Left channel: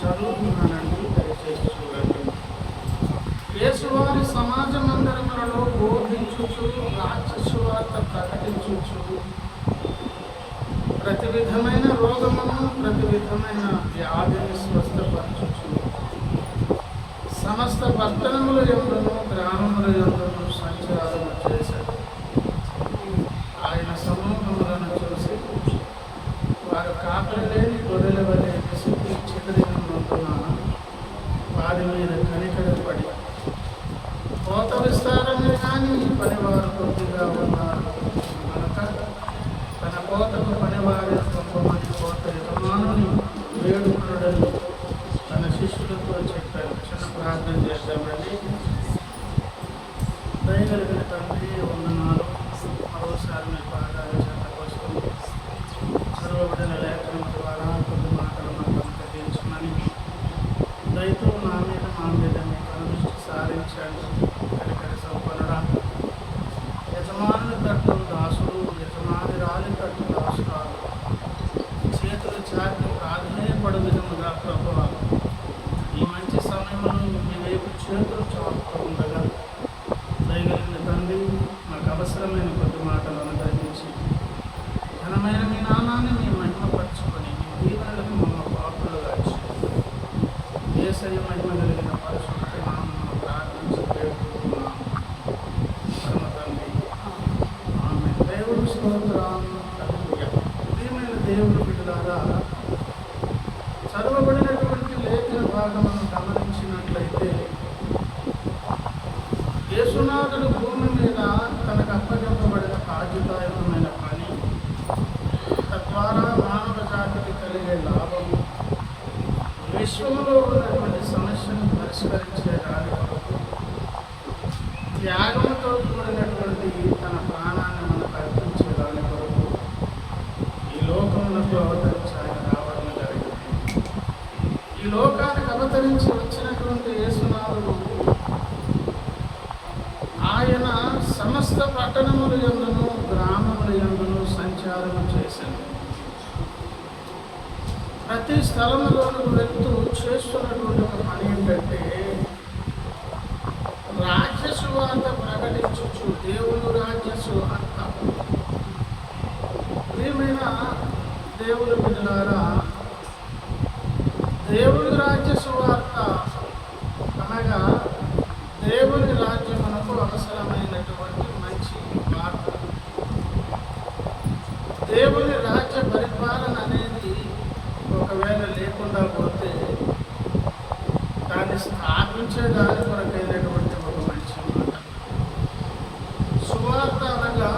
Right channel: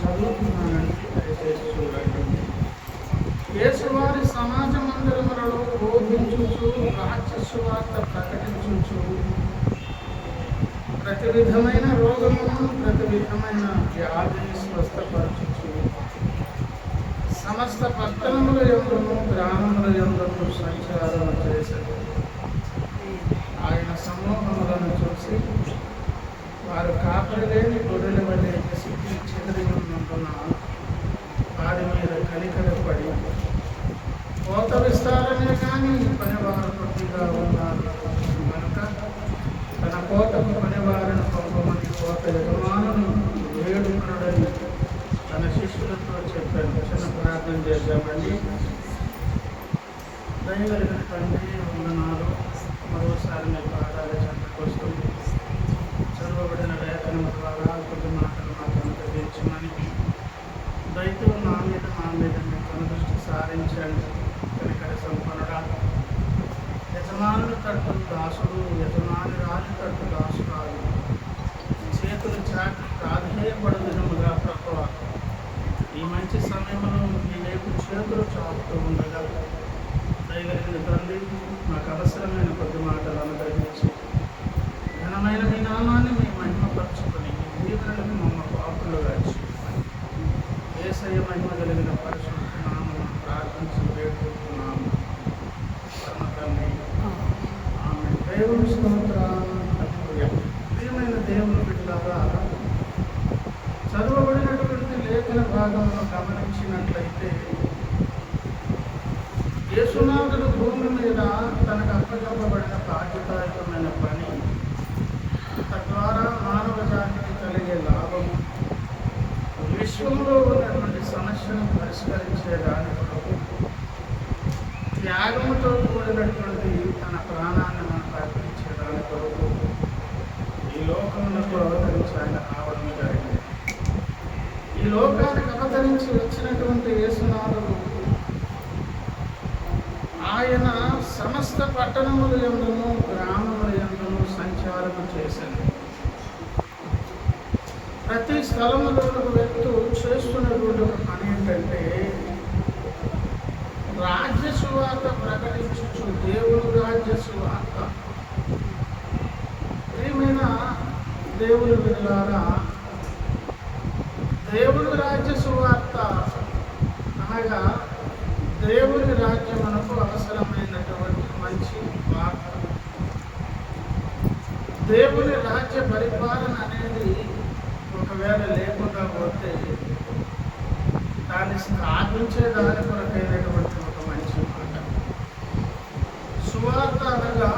చదువుతున్నానండి, దయచేసి చూడండి. యేసువారి సమాజ మందిరములలో బోధించుచు రాజ్య సువార్త ప్రకటించుచు ప్రతి విధమైన రోగమును ప్రతి విధమైన వ్యాధిని స్వస్థపరచుచు సమస్త పట్టణముల యందును గ్రామముల యందును సంచారము చేశారు. ఆయన సమూహములను చూసి వారు కాపరి లేని గొర్రెల వలె విసిగి చెదిరినందున వారి మీద కనికరపడి కోత విస్తారమే కానీ పనివారు కొద్దిగా ఉన్నారు కనుక తన కోతకు పనివారిని పంపమని కోత యజమానుని వేడుకొనుడని తన శిష్యులతో చెప్పాను. చిన్న ప్రార్థన చేద్దామండి. దయగలిగిన తండ్రి, వందనాలు. మరోసారి మీ పాదాల చెంతకు వస్తూ చదవబడిన లేఖనం ద్వారా కొద్ది మాటలు మాకు అనుగ్రహించమని దయతో నా మీద మా మీద మీ కనుదృష్టి సారించండి. కనికర సంపన్నుడా, యజమానుని తట్టు దాసుడు, యజమాని రాజు తట్టు దాసురాలు చేతులు చాటి ప్రాధేయపడు విధముగా ప్రభువా ఈ మంచి సమయంలో మీ వైపు చేతులు చాపుతూ ఉండగా దయగలిగిన తండ్రి మాకు అవసరమైన కొద్ది మాటలు అనుగ్రహించి దేవుని స్తోత్రం. హల్లెలూయా. ప్రియమైన దేవుని బిడ్డలారా, చదవబడినటువంటి లేఖన భాగమును గమనించినట్లయితే యేసునాథుడు భూమి మీద తనకు అప్పగింపబడిన బాధ్యతాయుతమైన పని, తద్వారా మానవ జాతికి కలిగే లాభము, విశ్వంలో ఉన్నటువంటి సమస్యను పరిష్కరించే దాని కొరకు త్యాగముతో కూడినటువంటి తన ప్రాణాన్ని మనకు అర్పించే దాని కొరకు ఈ లోకమునకు అవతరించి ఆయన రావడం జరిగింది. ఈ లోకానికి అవతరించి వచ్చినటువంటి యేసునాథుడు ఆయన సమస్త పట్టణముల యందును గ్రామముల యందును సంచారము చేశాను. ప్రతి స్థలములోనికి వెళ్తూ చేస్తున్నటువంటి ఒక పని ఏంటంటే రాజ్య సువార్త ప్రకటించు, దేవుని రాజ్య సువార్త. ప్రియమైన దేవుని బిడ్డలారా, దేవుని రాజ్య సువార్త అనగా దేవుని రాజ్యం మనకు అవసరమైనటువంటి మంచి వార్త. దేవుని రాజ్య పరిపాలన అనేది ఒకవేళ లేకుండా పోతే దాన్ని స్థాపించే దాని కొరకైనటువంటి ఒక మంచి మాట. సువార్త అనగా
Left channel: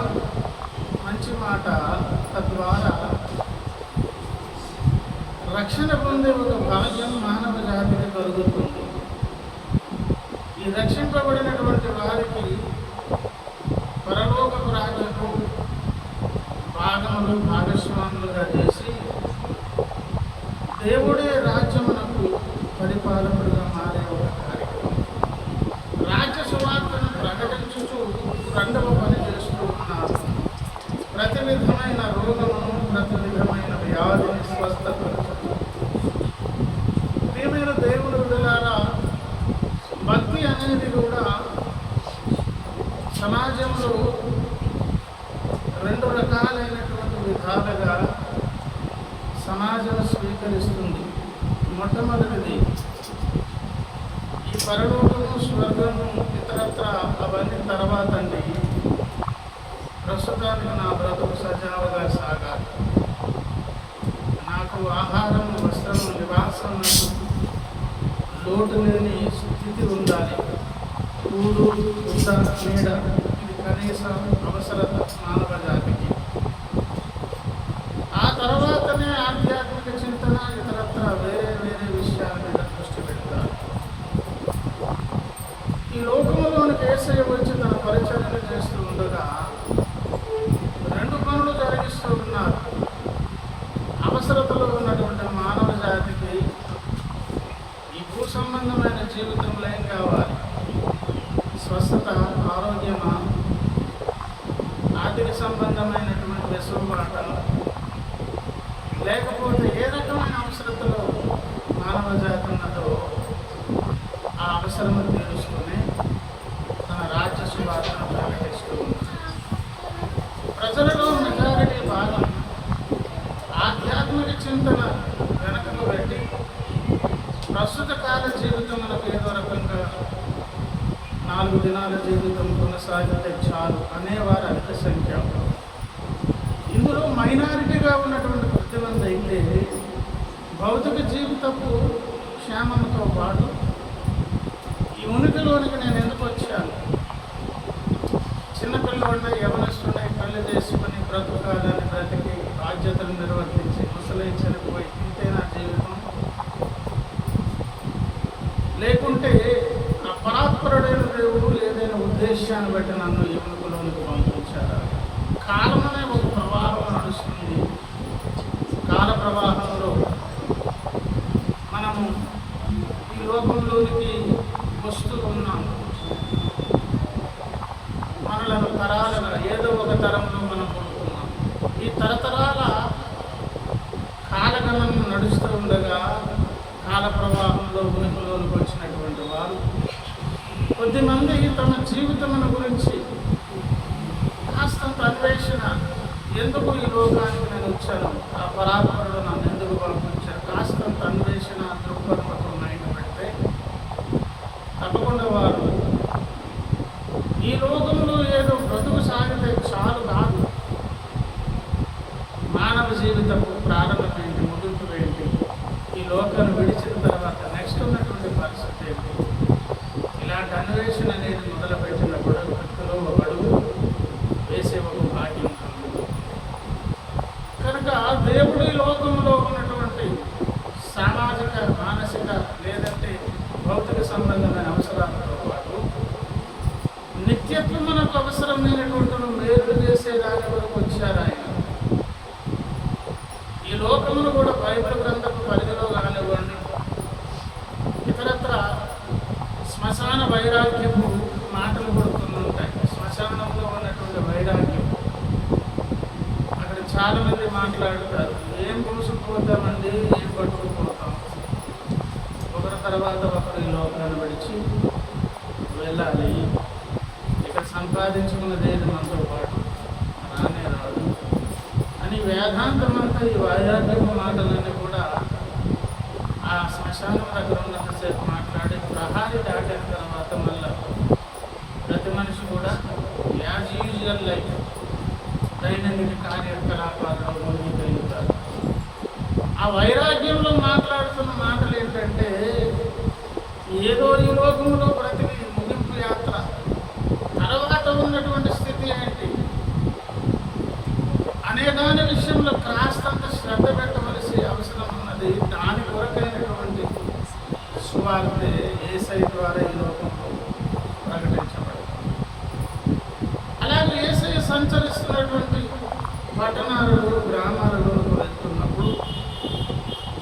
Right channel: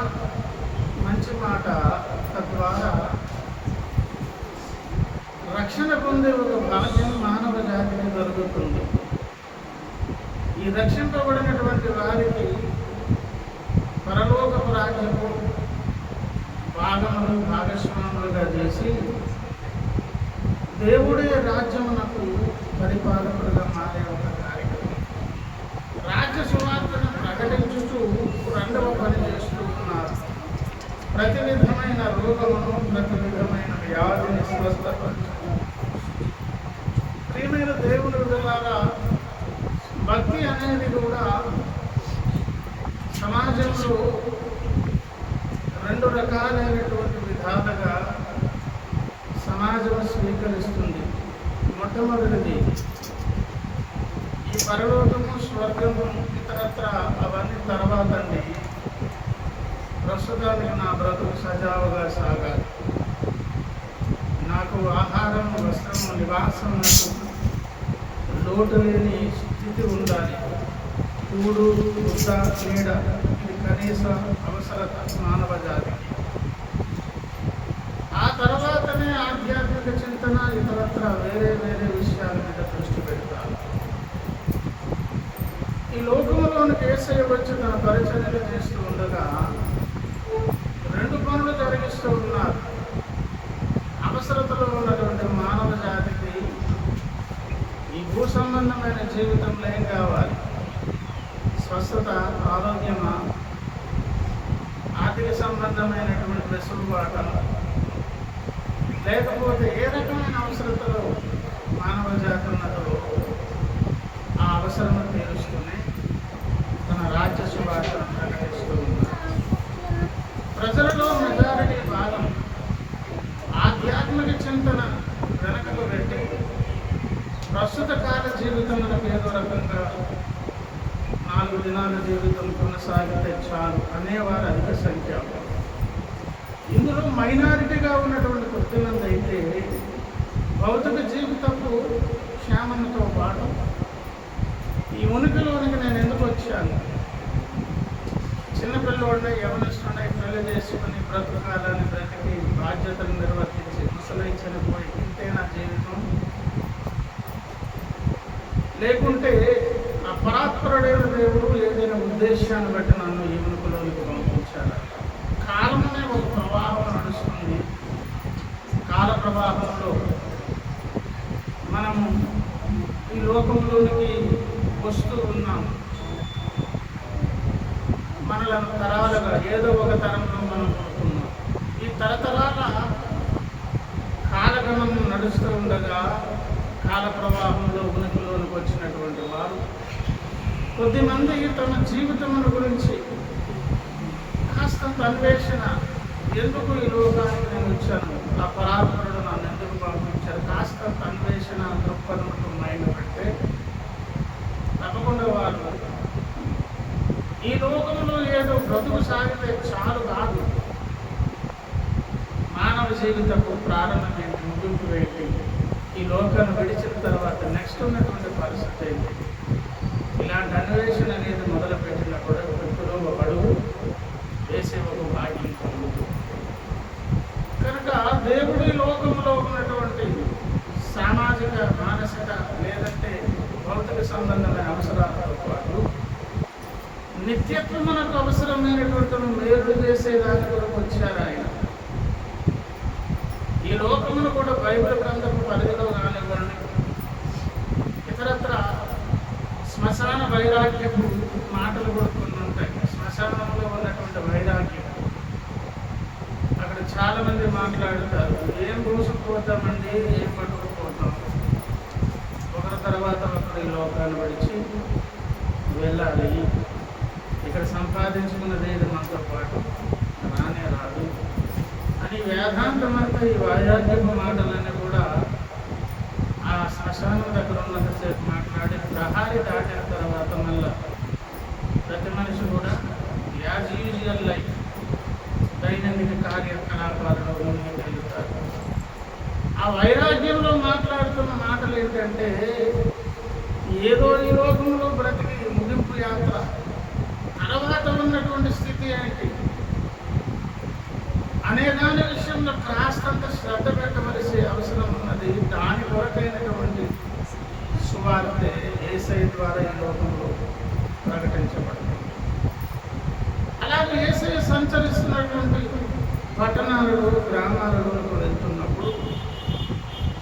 మంచి మాట, తద్వారా రక్షణ పొందే ఒక భాగ్యం మానవ జాతికి కలుగుతుంది. ఈ రక్షింపబడినటువంటి వారికి పరలోకపు రాజ్యము భాగములు భాగస్వాములుగా చేసి దేవుడే రాజ్యమునకు పరిపాలకుడుగా మారే ఒక కార్యక్రమం. రాజ్య సువార్తను ప్రకటించుతూ రెండవ పని చేస్తూ ఉన్నారు. ప్రతి విధమైన రోగమును, ప్రతి విధమైన వ్యాధిని స్వస్థపరచు. ప్రియమైన దేవుని బిడ్డలారా, భక్తి అనేది కూడా సమాజంలో రెండు రకాలైనటువంటి విధాలుగా సమాజం స్వీకరిస్తుంది. మొట్టమొదటిది ఈ పరలోకము, స్వర్గము, ఇతరత్ర అవన్నీ తర్వాత అండి. ప్రస్తుతానికి నా బ్రతుకు సజావుగా సాగాలి, నాకు ఆహారం, వస్త్రము, నివాసం, నాకు లోటు లేని స్థితి ఉండాలి. కూడు, గుడ్డ, నీడ, ఇది కనీస అవసరత మానవ జాతికి. ఆ తర్వాతనే ఆధ్యాత్మిక చింతన, ఇతరత్ర వేరే వేరే విషయాల మీద దృష్టి పెడతారు. ఈ లోకంలోనికి యేసయ్య వచ్చి తన పరిచర్యలు చేస్తూ ఉండగా రెండు పనులు జరిగిస్తూ ఉన్నారు. అవసరతలో ఉన్నటువంటి మానవ జాతికి ఈ భూ సంబంధమైన జీవితంలో ఏం కావాలి? స్వస్థత, ఆరోగ్యమా, ఆర్థిక సంబంధమైనటువంటి వెసులుబాట, లేకపోతే ఏ రకమైన అవసరతలో మానవ జాతి ఉన్నదో ఆ అవసరము తీరుస్తూనే తన రాజ్య సువార్తను ప్రకటిస్తూ ఉన్నారు. ప్రజలలో మెజారిటీ భాగం ఆధ్యాత్మిక చింతన వెనకకు పెట్టి ప్రస్తుత కాల జీవితంలో ఏదో రకంగా 4 దినాల జీవితం కొనసాగితే చాలు అనేవారు అధిక సంఖ్య. ఇందులో మైనారిటీగా ఉన్నటువంటి కొద్దిమంది అయితే భౌతిక జీవితపు క్షేమంతో పాటు ఈ ఉనికిలోనికి నేను ఎందుకు వచ్చాను, చిన్నపిల్లవాడిని, యవనస్తుడిని పెళ్లి చేసుకుని బ్రతుకాలని బ్రతికి బాధ్యతలు నిర్వర్తించి ముసలి చనిపోయి ఇంతే నా జీవితం, లేకుంటే ఆ పరాత్పరుడైన దేవుడు ఏదైనా ఉద్దేశాన్ని బట్టి నన్ను ఈ ఉనికిలోనికి పంపించారా? కాలం అనే ఒక ప్రవాహం నడుస్తుంది. కాల ప్రవాహంలో మనము ఈ లోకంలోనికి వస్తూ ఉన్నాం. మనలను తరాలుగా ఏదో ఒక తరంలో మనం పుడుతున్నాం. ఈ తరతరాల కాలగమనం నడుస్తూ ఉండగా కాల ప్రవాహంలో ఉనికిలోనికి వచ్చినటువంటి వారు కొద్దిమంది తమ జీవితమును గురించి కాస్తంత అన్వేషణ, ఎందుకు ఈ లోకానికి నేను వచ్చాను, ఆ పరాత్పరుడు నన్ను ఎందుకు పంపించారు, కాస్తంత అన్వేషణ దృక్పథంతో మైండ్ పెడితే తప్పకుండా వారు ఈ లోకంలో ఏదో బ్రతుకు సాగితే చాలు కాదు, జీవితపు ప్రారంభం ఏంటి, ముగింపు ఏంటి, ఈ లోకాన్ని విడిచిన తర్వాత నెక్స్ట్ ఉన్నటువంటి పరిస్థితి ఏంటి, ఇలాంటి అన్వేషణ అనేది మొదలుపెట్టినప్పుడు వ్యక్తిలో ఒక అడుగు వేసే ఒక భాగ్యం కలుగుతుంది. కనుక దేవుడి లోకంలో ఉన్నటువంటి సామాజిక, మానసిక లేదంటే భౌతిక సంబంధమైన అవసరాలతో పాటు నిత్యత్వం మనకు అవసరమైనటువంటి మేలు చేసే దాని కొరకు వచ్చారు ఆయన. ఈ లోకమును కూడా బైబిల్ గ్రంథపు పరిధిలో కానివ్వండి, ఇతరత్ర శ్మశాన వైరాగ్యపు మాటలు కూడా కొన్ని ఉంటాయి. శ్మశానంలో ఉన్నటువంటి వైరాగ్యం అక్కడ చాలామంది మాట్లాడుతారు, ఏం పూసుకుపోతామండి, ఏం పట్టుకుపోతాం, ఒకరి తర్వాత ఒకరు ఈ లోకాన్ని విడిచి వెళ్ళాలి, ఇక్కడ సంపాదించుకున్నది ఏది మనతో పాటు రానే రాదు అని వేదాంతమంతా ఈ వైరాగ్యపు మాటలన్నీ కూడా ఆ శ్మశానం దగ్గర ఉన్నంతసేపు మాట్లాడి ప్రహారీ దాటిన తర్వాత మళ్ళా ప్రతి మనిషి కూడా యాజ్ యూజువల్ లైఫ్ దైనందిక కార్యకలాపాలలో ముందుకు వెళ్తారు. ఆ వైరాగ్యంలో మాట్లాడుతున్న మాటలు ఏంటంటే, ఏదో ఈ లోకంలో బ్రతికి ముగింపు యాత్ర తర్వాత ఉన్నటువంటి స్థితి ఏంటి అనే దాని విషయంలో కాస్తంత శ్రద్ధ పెట్టవలసి అవసరం ఉన్నది. దాని కొరకైనటువంటి సువార్తే యేసయ్య ద్వారా ఈ లోకంలో ప్రకటించబడుతుంది. అలాగే యేసయ్య సంచరిస్తున్నటువంటి పట్టణాలలో, గ్రామాలలోకి వెళ్తున్నప్పుడు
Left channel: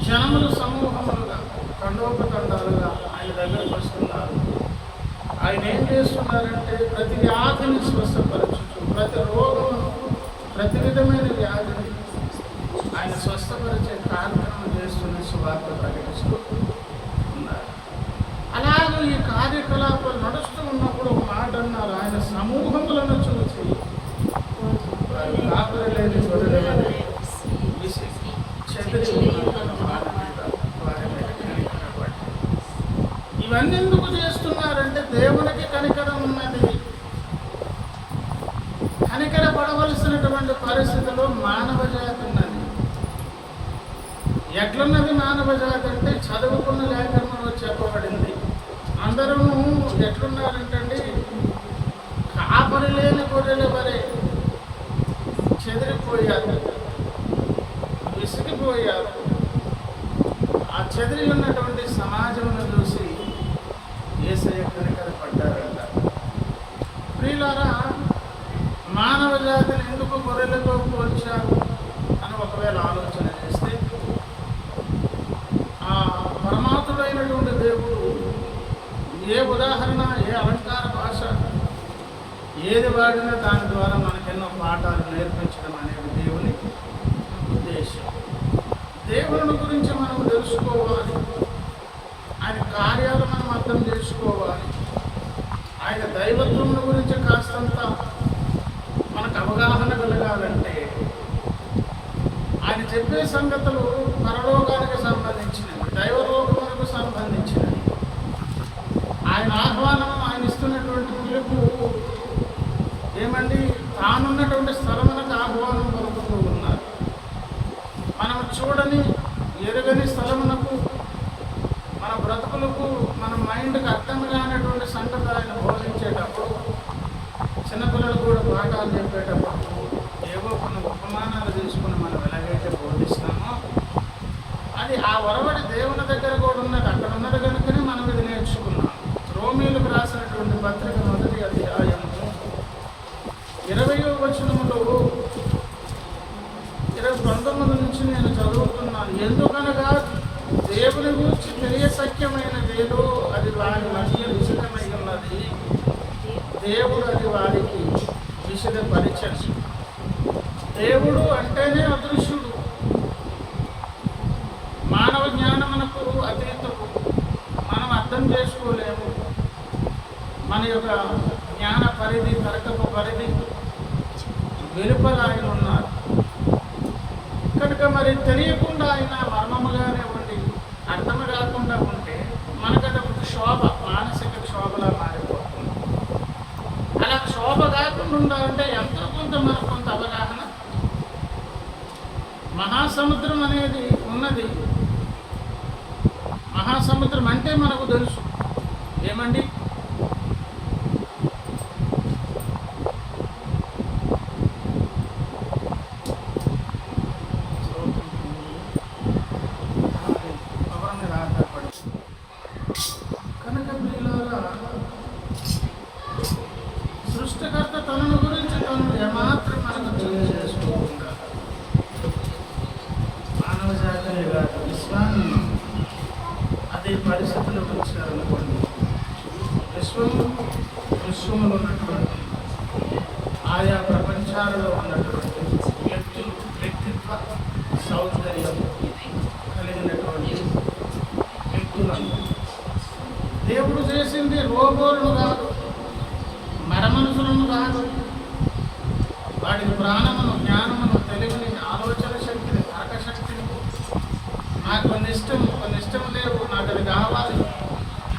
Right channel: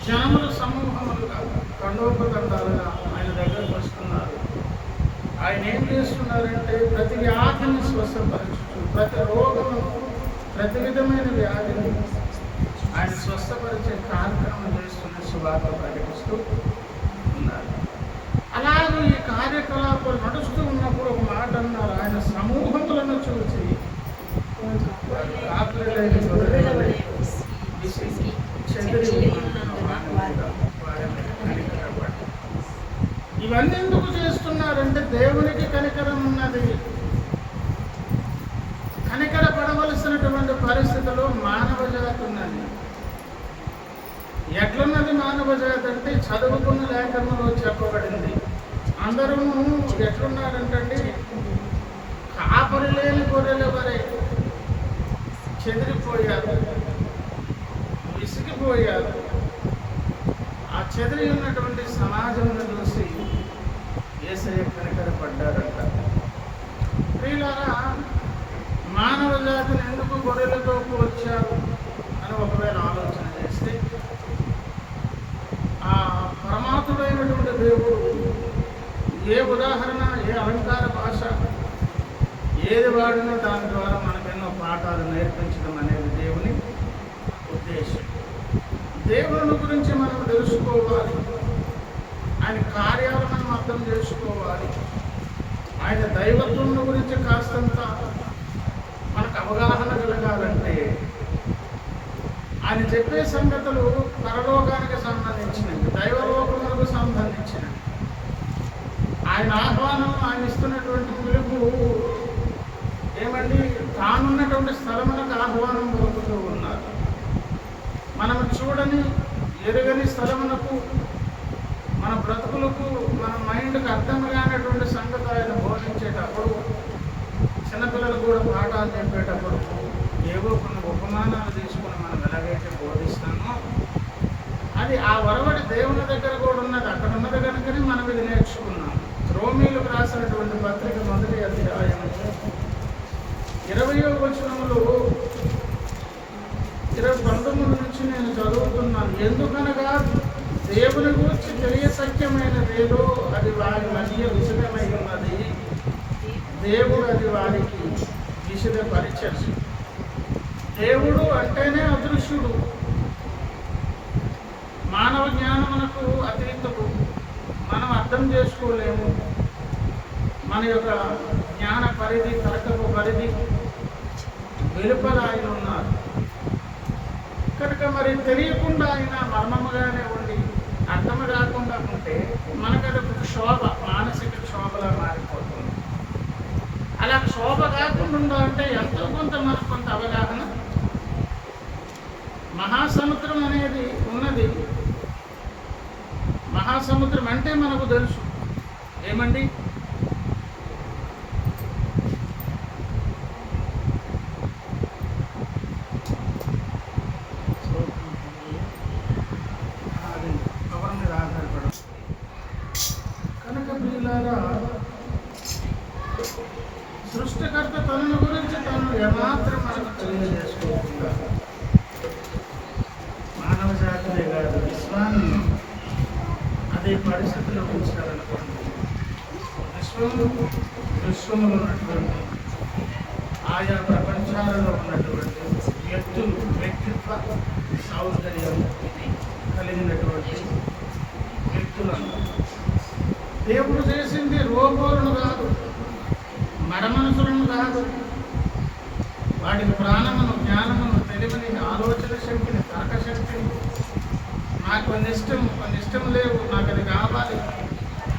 జనములు సమూహములుగా, తండోపతండాలుగా ఆయన దగ్గరకు వస్తున్నారు. ఆయన ఏం చేస్తున్నారంటే ప్రతి వ్యాధిని స్వస్థపరచుచు, ప్రతి రోగమును, ప్రతి విధమైన వ్యాధిని ఆయన స్వస్థపరిచే కార్యక్రమం చేస్తున్న సువార్త ప్రకటిస్తూ ఉన్నారు. అలాగే ఈ కార్యకలాపాలు నడుస్తూ ఉన్నప్పుడు ఒక మాట అన్నారు, ఆయన సమూహములను చూసి వారు కాపురి లేని గొర్రెల విసిగి చెదిరి ఉన్నందున వారి మీద కనికరపడి. ఇవన్నీ ఎందుకు చేస్తున్నారంటే దేవునికి కనికరం ఉన్నది. కనికరపడవలసినటువంటి పరిస్థితిలో మానవ జాతి ఉన్నది. ఎట్లున్నది మానవ జాతి అంటే చదువుకున్న లేఖనంలో చెప్పబడింది. అందరూ ఎట్లున్నారంటండి, కాపరి లేని గొర్రెల వరే చెదిరిపోయారు, విసిగిపోయారు. ఆ చెదిరి ఉన్నటువంటి సమాజంను చూసి యేసయ్య కనికరపడ్డారంట. ప్రియులారా, మానవ జాతిని ఎందుకు గొర్రెలతో పోల్చారు అని ఒకవేళ ఆలోచన చేస్తే, ఆ పరమాత్ముడైనటువంటి దేవుడు ఏ ఉదాహరణ, ఏ అలంకార భాష ఏది వాడినా దాని ద్వారా మనకెన్నో పాఠాలు నేర్పించడం అనేది దేవుని ఉద్దేశం. దేవుని గురించి మనం తెలుసుకోవాలి, ఆయన కార్యాలు మనం అర్థం చేసుకోవాలి, ఆయన దైవత్వం గురించి కాస్తంత మనకు అవగాహన కలగాలంటే ఆయన చెప్పే సంగతులు పరలోకానికి సంబంధించినవి, దైవలోకములకు సంబంధించినవి. ఆయన ఆహ్వానం, ఆయన ఇస్తున్నటువంటి పిలుపు ఏమండి, తానున్నటువంటి స్థలమునకు ఆహ్వానం పలుకుతూ ఉన్నారు. మనం చూడని, ఎరుగని స్థలమునకు, మన బ్రతుకులకు, మన మైండ్కి అర్థం కానటువంటి సంగతి ఆయన బోధించేటప్పుడు, చిన్నపిల్లలు కూడా పాఠాలు చెప్పేటప్పుడు ఏవో కొన్ని ఉపమానాలు తీసుకుని మనం ఎలాగైతే బోధిస్తామో అది ఆ వరవడి దేవుని దగ్గర కూడా ఉన్నది. అక్కడ ఉన్నది కనుకనే మనం ఇది నేర్చుకున్నాం. రోమీలకు రాసినటువంటి పత్రిక 1వ అధ్యాయం 20వ వచనములో 19 నుంచి నేను చదువుతున్నాను. ఎందుకనగా దేవుని గురించి తెలియసఖ్యమైనదేదో అది వారి మధ్య విషదమై ఉన్నది, దేవుడు అది వారికి విషదపరిచను. దేవుడు అంటేనే అదృశ్యుడు, మానవ జ్ఞానమునకు అతీతుడు, మనం అర్థం చేసుకోలేము. మన యొక్క జ్ఞాన పరిధి, తర్కపు పరిధి వెలుపల ఆయన ఉన్నారు కనుక మరి తెలియకుండా ఆయన మర్మముగానే ఉండి అర్థం కాకుండా ఉంటే మనకది ఒక క్షోభ, మానసిక క్షోభలా మారిపోతుంది. అలా క్షోభ కాకుండా ఉండాలంటే ఎంతో కొంత మనకు కొంత అవగాహన మహాసముద్రం అనేది ఉన్నది. మహాసముద్రం అంటే మనకు తెలుసు ఏమండి, పవర్ మీద ఆధారపడదు. కనుక ప్రియులారా, సృష్టికర్త తనను గురించి తను ఏమాత్రం మనకు తెలియజేసుకోకుండా మానవ జాతినే కాదు విశ్వాన్ని అదే పరిస్థితిలో ఉంచారనుకోండి. విశ్వములో ఉన్నటువంటి ఆయా ప్రపంచాలలో ఉన్నటువంటి వ్యక్తిత్వ సౌందర్యం కలిగినటువంటి వ్యక్తులను దేవుడు చేసింది రోబోలను కాదు, మరమనుషులను కాదు. వాడికి ప్రాణమును, జ్ఞానమును, తెలివిని, ఆలోచన శక్తిని, తర్క శక్తిని, నాకు కొన్ని ఇష్టం లేవు, నాకు అది కావాలి,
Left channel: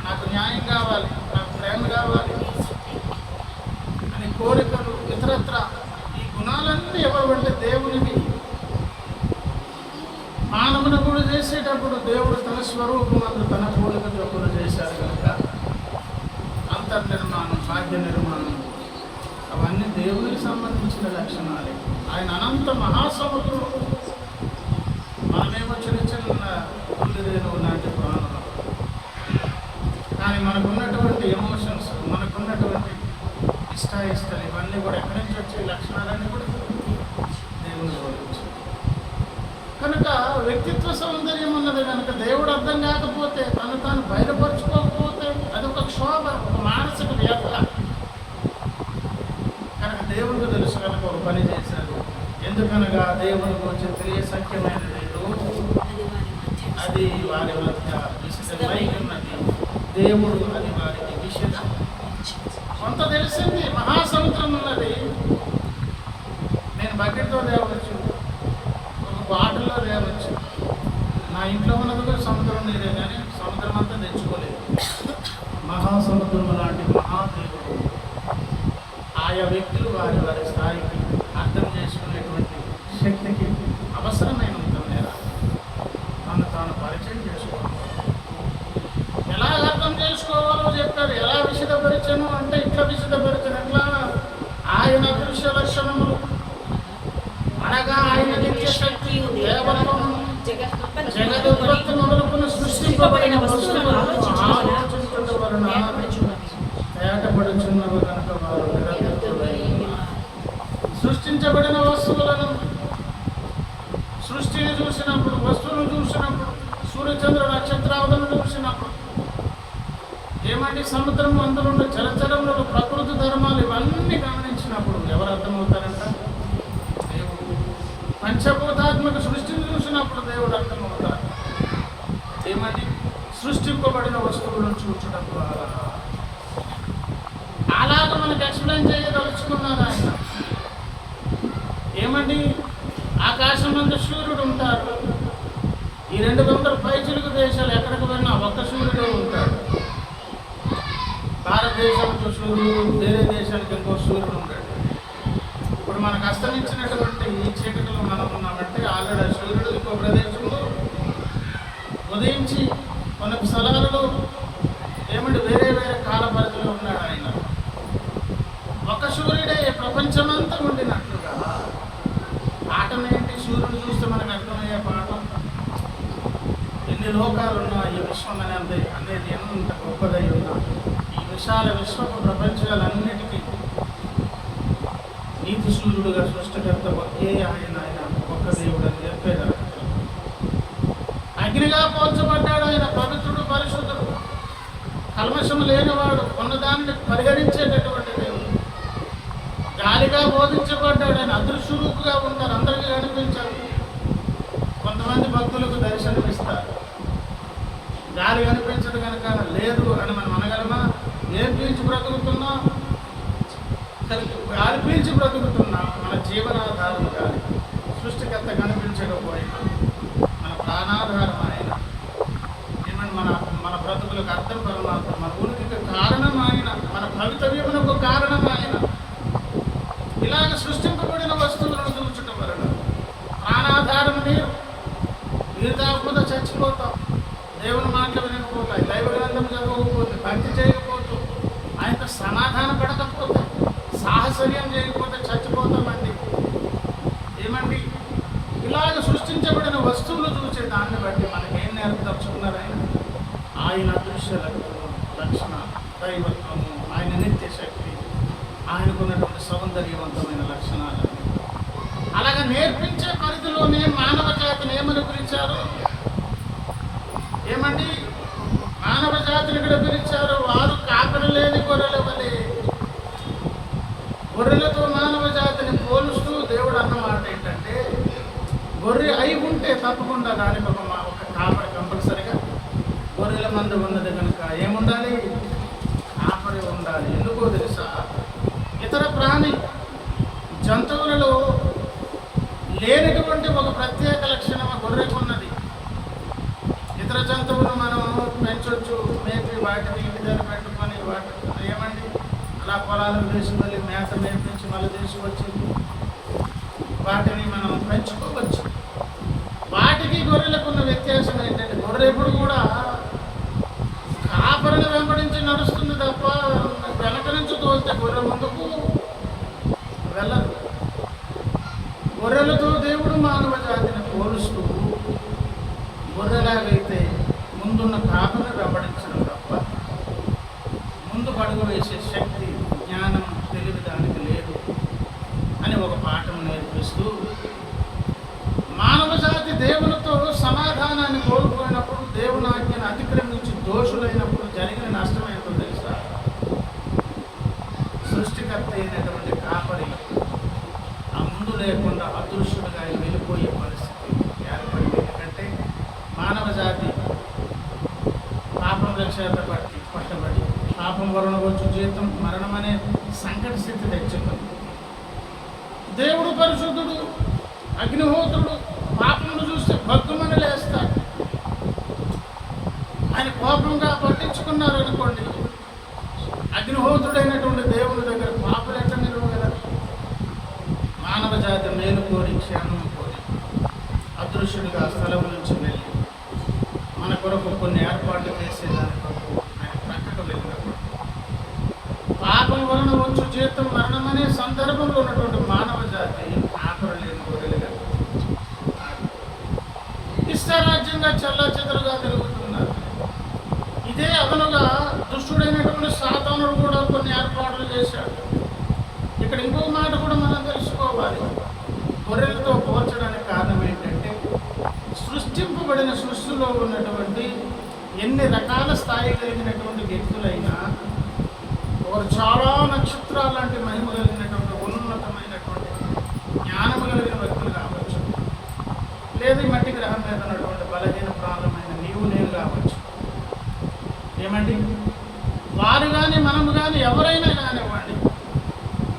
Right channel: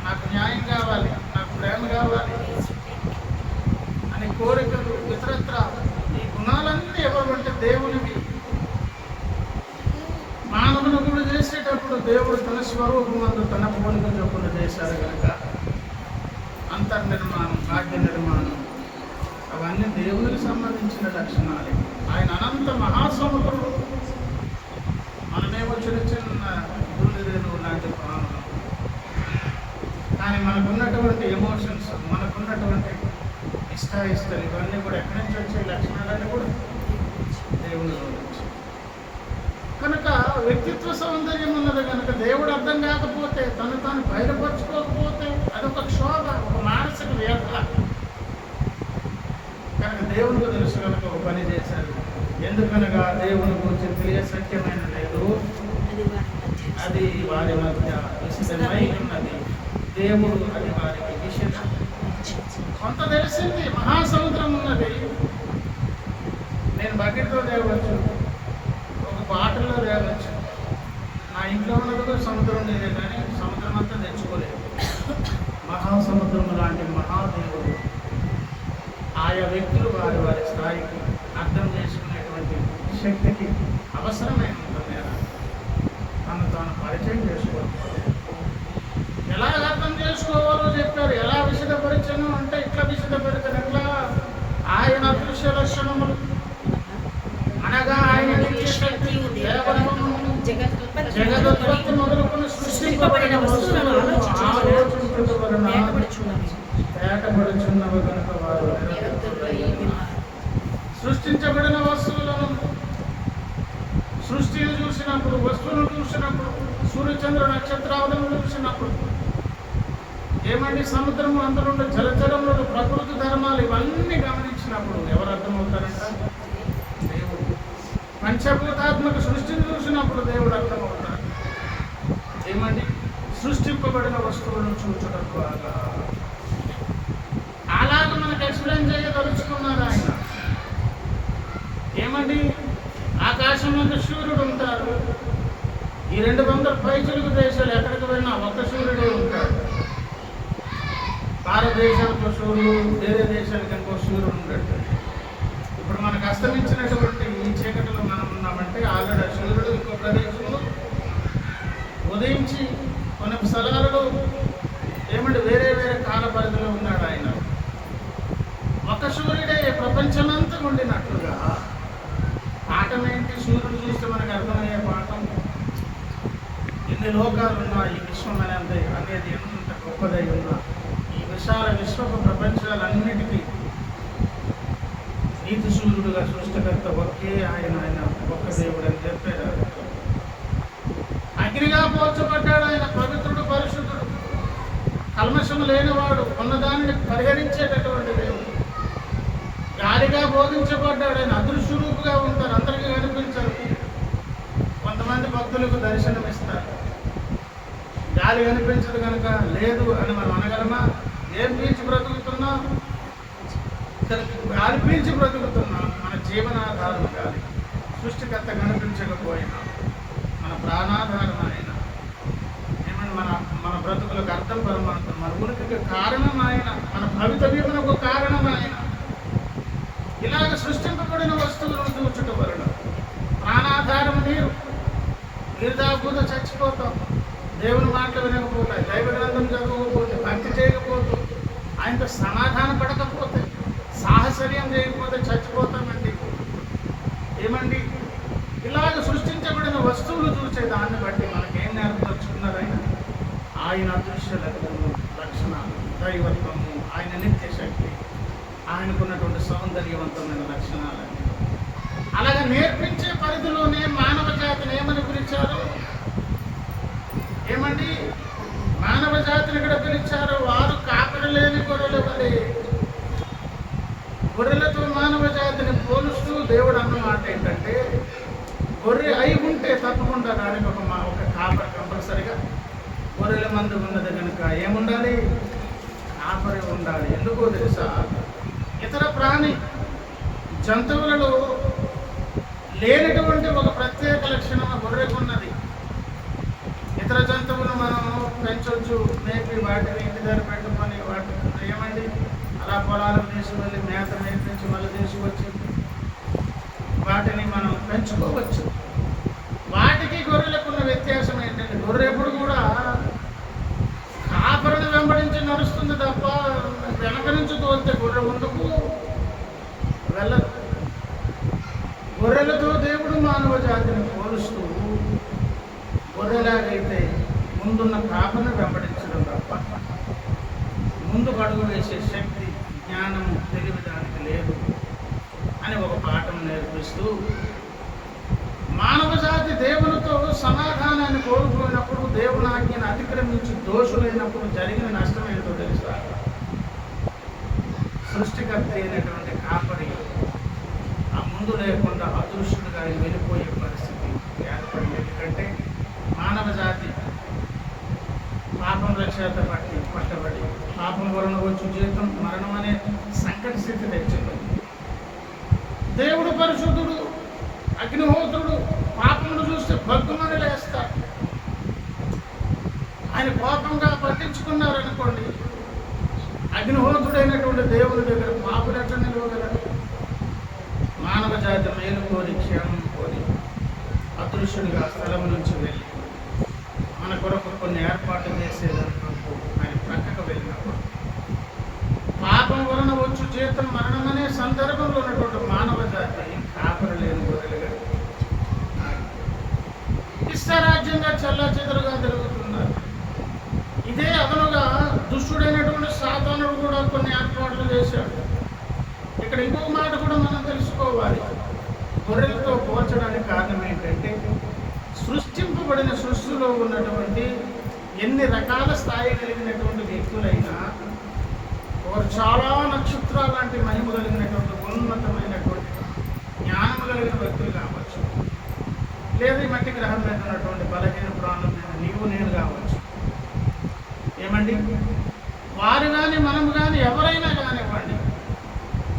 నాకు న్యాయం కావాలి, నాకు ప్రేమ కావాలి అని కోరికలు, ఇతరత్ర ఈ గుణాలన్నీ ఎవరంటే దేవునివి. మానవుని కూడా చేసేటప్పుడు దేవుడు తన స్వరూపమందు తన పోలిక చొప్పున చేశారు కనుక అంతర్నిర్మాణం, భాగ్య నిర్మాణం అవన్నీ దేవునికి సంబంధించిన లక్షణాలే. ఆయన అనంత మహాసముద్రుడు, మనమేమో చిన్న చిన్న రేణువు లాంటి ప్రాణులు. కానీ మనకున్నటువంటి ఎమోషన్స్, మనకున్నటువంటి ఇష్టాయిస్తాలు ఇవన్నీ కూడా ఎక్కడి నుంచి వచ్చే లక్షణాలన్నీ కూడా దేవుని గౌరవించి. కనుక వ్యక్తిత్వ సౌందర్యం ఉన్నది కనుక దేవుడు అర్థం కాకపోతే, తను తాను బయలుపరుచుకోకపోతే అదొక క్షోభ, ఒక మానసిక వ్యథ. కనుక దేవునికి తెలుసు కనుక ఒక పని చేశారు. ఎందుకనగా దేవుని గురించి తెలియసఖ్యమైన లేదు, అది వారి మధ్య విషితమై ఉన్నది. దేవుడు అది వారికి విషితం. కొంత తెలిసింది, మహాసముద్రం ఉన్నది. నేను బకెట్తో తేవచ్చు, ఒక బాటిల్లో తేవచ్చు. నా ఇంట్లో ఉన్నది కూడా సముద్రం నీరే, కానీ సముద్రం అంతా తెచ్చుకోలేదు. మహాసముద్రం లాంటి మహాదేవుడు ఆయా వ్యక్తులు వారి వారి స్థాయికి అర్థం చేసుకునేటువంటి శక్తికి అవసరమైనంత మేర తను తాను పరిచయం చేసుకోవాలి. ఎలా అర్థం చేసుకోవాలో చెప్పారు. ఎలా విశదపరిచను అంటే ఇట్లా విశదపరిచను. ఎట్లా? ఆయన అదృశ్య లక్షణములు అనగా ఆయన నిత్య శక్తి, దేవత్వము, జగదుత్పత్తి మొదలుకొని సృష్టింపబడిన వస్తువులను ఆలోచించడం వలన తేటపడుచున్నవి కనుక వారు నిరంతరులై ఉన్నారు. సృష్టించబడిన వస్తువులను, సృష్టిని చూసినప్పుడు, వస్తువును చూసినప్పుడు, సూర్యచంద్ర నక్షత్రాలను చూసినప్పుడు ఏమంటే సముద్రం అందులో జలచరములు, ప్రకృతి ధర్మాలు ఇవన్నీ గమనించినప్పుడు ఎవరు అర్థమవుతారంట? దేవుడు. పంచభూతాత్మక సృష్టిని చూసినప్పుడు దేవుడు అర్థమవుతారు. ఏమండి? సృష్టింపబడిన వస్తువులను చూచడం ద్వారా అలాగ మనకు ఎక్స్ప్లెయిన్ చేయదలుచుకున్నారు ఆయన. ఏమండి? ఆకాశం మీద సూర్యుడు ఉంటారు. ఈ 200 పైచిలుకు దేశాలు ఎక్కడికి వెళ్ళినా ఒక్క సూర్యుడే ఉంటాడు. భారతదేశానికి సూర్యుడు, వేరే దేశానికి ఇంకో సూర్యుడు ఉంటాడు. ఇప్పుడు మనకు అస్తమించినటువంటి ఈ చీకటిలో మనం ఉన్నామంటే ఆల్రెడీ సూర్యుడు ఇంకో ప్రదేశంలో ఉదయించి కొన్ని స్థలాలలో ఏమంటే వేరే వేరే కాల పరిధిలో ఉన్నాడు ఆయన. ఒక సూర్యుడే ప్రపంచమంతా ఉండినట్లుగా. పాఠం ఏంటి? సూర్యుడు చూస్తే మనకు అర్థమయ్యే పాఠం. ఎన్ని లోకాలు ఉన్నా ఈ విశ్వం అనేది ఎంత గొప్పదై ఉన్నా ఈ విశాల విశ్వపు ప్రపంచాలన్నిటికీ నీతి సూర్యుడుగా సృష్టికర్త ఒకే ఆయన ఒక్క దేవుడు అని చెప్పేది. అగ్నిగా పోల్చబడ్డాడు ఆయన, పవిత్రుడు, పరిశుద్ధుడు, కల్మషము లేనివాడు, ఉన్నదానిని పరిహరించేటటువంటి దేవుడు. గాలిగా బోధించబడ్డాడు ఆయన, అదృశ్యరూపుగా ఉంటారు, అందరికీ కనిపించరు. కొంతమంది భక్తులకు దర్శనం ఇస్తారు. గాలి కనిపించదు కనుక లేదు అని మనం అనగలమా? ఏం పీల్చి బ్రతుకుతున్నాం? గాలి పీల్చి బ్రతుకుతున్నాం. మన జీవనాధారం గాలి. సృష్టికర్త కనిపించకపోయినా మన ప్రాణాధారం ఆయన. ఏమని మన బ్రతుకులకు అర్థం పరమాత్మ, మన ఉనికికి కారణం ఆయన, మన భవితవ్యమునకు కారణం ఆయన. ఇలాగ సృష్టింపబడిన వస్తువులను చూచుట వలన ప్రాణాధారం నీవే వినకపోతే చచ్చిపోతాం. దేవుని మాటలు వినకపోతాయి, దైవ గ్రంథం చదవకపోతే, భక్తి చేయకపోతే, ఆయనతో సమాధాన పడకపోతే, సాహసర్యం చేయకపోతే చచ్చిపోతామండి. ఏమండి, ఇలాగ సృష్టించబడిన వస్తువులు చూసే దాన్ని బట్టి మనకేం నేర్పదలుచుకున్నారు ఆయన అదృశ్య లక్షణాలు, దైవత్వము, ఆయన నిత్య శక్తి, ఆయనకున్నటువంటి సౌందర్యవంతమైన లక్షణాలు. అలాగే నేర్పించే పరిధిలోనే మానవ జాతిని ఏమని పిలిచారు? ఏమండి, మానవ జాతిని ఇక్కడ పిలిచారు, వారు కాపరి లేని గొర్రెల వలె. గొర్రెలతో మానవ జాతిని పోలుస్తూ దేవుడు అన్నమాట ఏంటంటే, గొర్రె అయి ఉంటే తప్పకుండా దానికి ఒక కాపరి కంపల్సరిగా, గొర్రెల మందు ఉన్నది కనుక ఏముండాలి? కాపరి ఉండాలి. ఎందుకో తెలుసా? ఇతర ప్రాణి జంతువులలో లేనటువంటి ఒక ప్రత్యేక లక్షణం ఆ గొర్రెకు ఉన్నది. ఇతర జంతువులు మనం పెంచవచ్చు, మేపి వాటిని ఇంటి దగ్గర పెట్టుకొని వాటి ఏమండి అలా పొలాలకు తీసుకువెళ్ళి మేత మేపించి మళ్ళీ తీసుకొచ్చి వాటిని మనం పెంచుకోవచ్చు. వాటికి గొర్రెలకు ఉన్న వ్యత్యాసం ఏంటంటే, గొర్రె ఎప్పుడు కూడా కాపరిని వెంబడించి నడుస్తుంది తప్ప వెనక నుంచి తోలితే గొర్రె ముందుకు వెళ్ళదు. గొర్రెలతో దేవుడు మానవ జాతిని పోలుస్తూ, గొర్రెలాగైతే ముందున్న కాపరిని వెంబడించడం తప్ప ముందు అడుగు వేసే శక్తి, జ్ఞానం, తెలివి దానికి లేదు అని ఒక పాఠం నేర్పిస్తూ, మానవ జాతి దేవునితో సమాధానాన్ని కోల్పోయినప్పుడు, దేవుని ఆజ్ఞను అతిక్రమించి దోషులైనప్పుడు జరిగిన నష్టం ఏంటో తెలుసా? సృష్టికర్త అయినటువంటి కాపరి ఆ ముందు లేకుండా అదృశ్యుడుగా వెళ్ళిపోయే పరిస్థితి ఏర్పడింది. ఎందుకంటే మానవ జాతి పాపం చేత పట్టబడి, పాపం వలన వచ్చు జీతం మరణం అనే సంకట స్థితి తెచ్చుకుంది. దేవుడు పరిశుద్ధుడు, అగ్నిహోత్రుడు, పాపమును చూస్తే భగ్గుమని లేస్తాడు. ఆయన కోపంగా పట్టించుకున్నారనుకోండి, అగ్నిహోత్రుడైనటువంటి దేవుని దగ్గర పాపులు ఎట్లా నిలవగలరు? మానవ జాతి మేలు కోరి, క్షేమం కోరి అదృశ్యుడిగా స్థలం నుంచి వెళ్ళి మన కొరకు కొన్ని ఏర్పాట్లు చేసేదాని కొరకు ఆయన ప్రక్కకు వెళ్ళినప్పుడు, పాపం వలన వచ్చు జీతం మరణం అనే సందర్భంలో ఉన్నటువంటి మానవ జాతి కాపరి లేని గొర్రెలుగా ఇష్టారాజ్యంగా చెల్లాచెదరుగా తిరుగుతున్నారు. ఇదే అదనుగా దుష్టుడైనటువంటి సాతానుడు కూడా కొన్ని ఏర్పాట్లు చేశాడు. ఇక్కడ ఇంకొక మాట కూడా మనం తెలుసుకోవాలి. గొర్రెలతో పోల్చడానికి కారణం ఏంటంటే, సృష్టింపబడిన సృష్టిలో ఉన్నటువంటి ఎన్ని రకాల స్థాయి కలిగినటువంటి వ్యక్తులైనా, వారు చాలా నక్షత్రాలు లాంటి మహిమ కలిగినటువంటి ఉన్నతమైనటువంటి జ్ఞానము కలిగిన వ్యక్తులు కావచ్చు, లేదా ఈ మట్టి గ్రహం మీద ఉన్నటువంటి బలహీన ప్రాణమైన నీవు నేను కావచ్చు. ఏమండి, వారు కానీ మనము కానీ ఎవరైనా కానివ్వండి,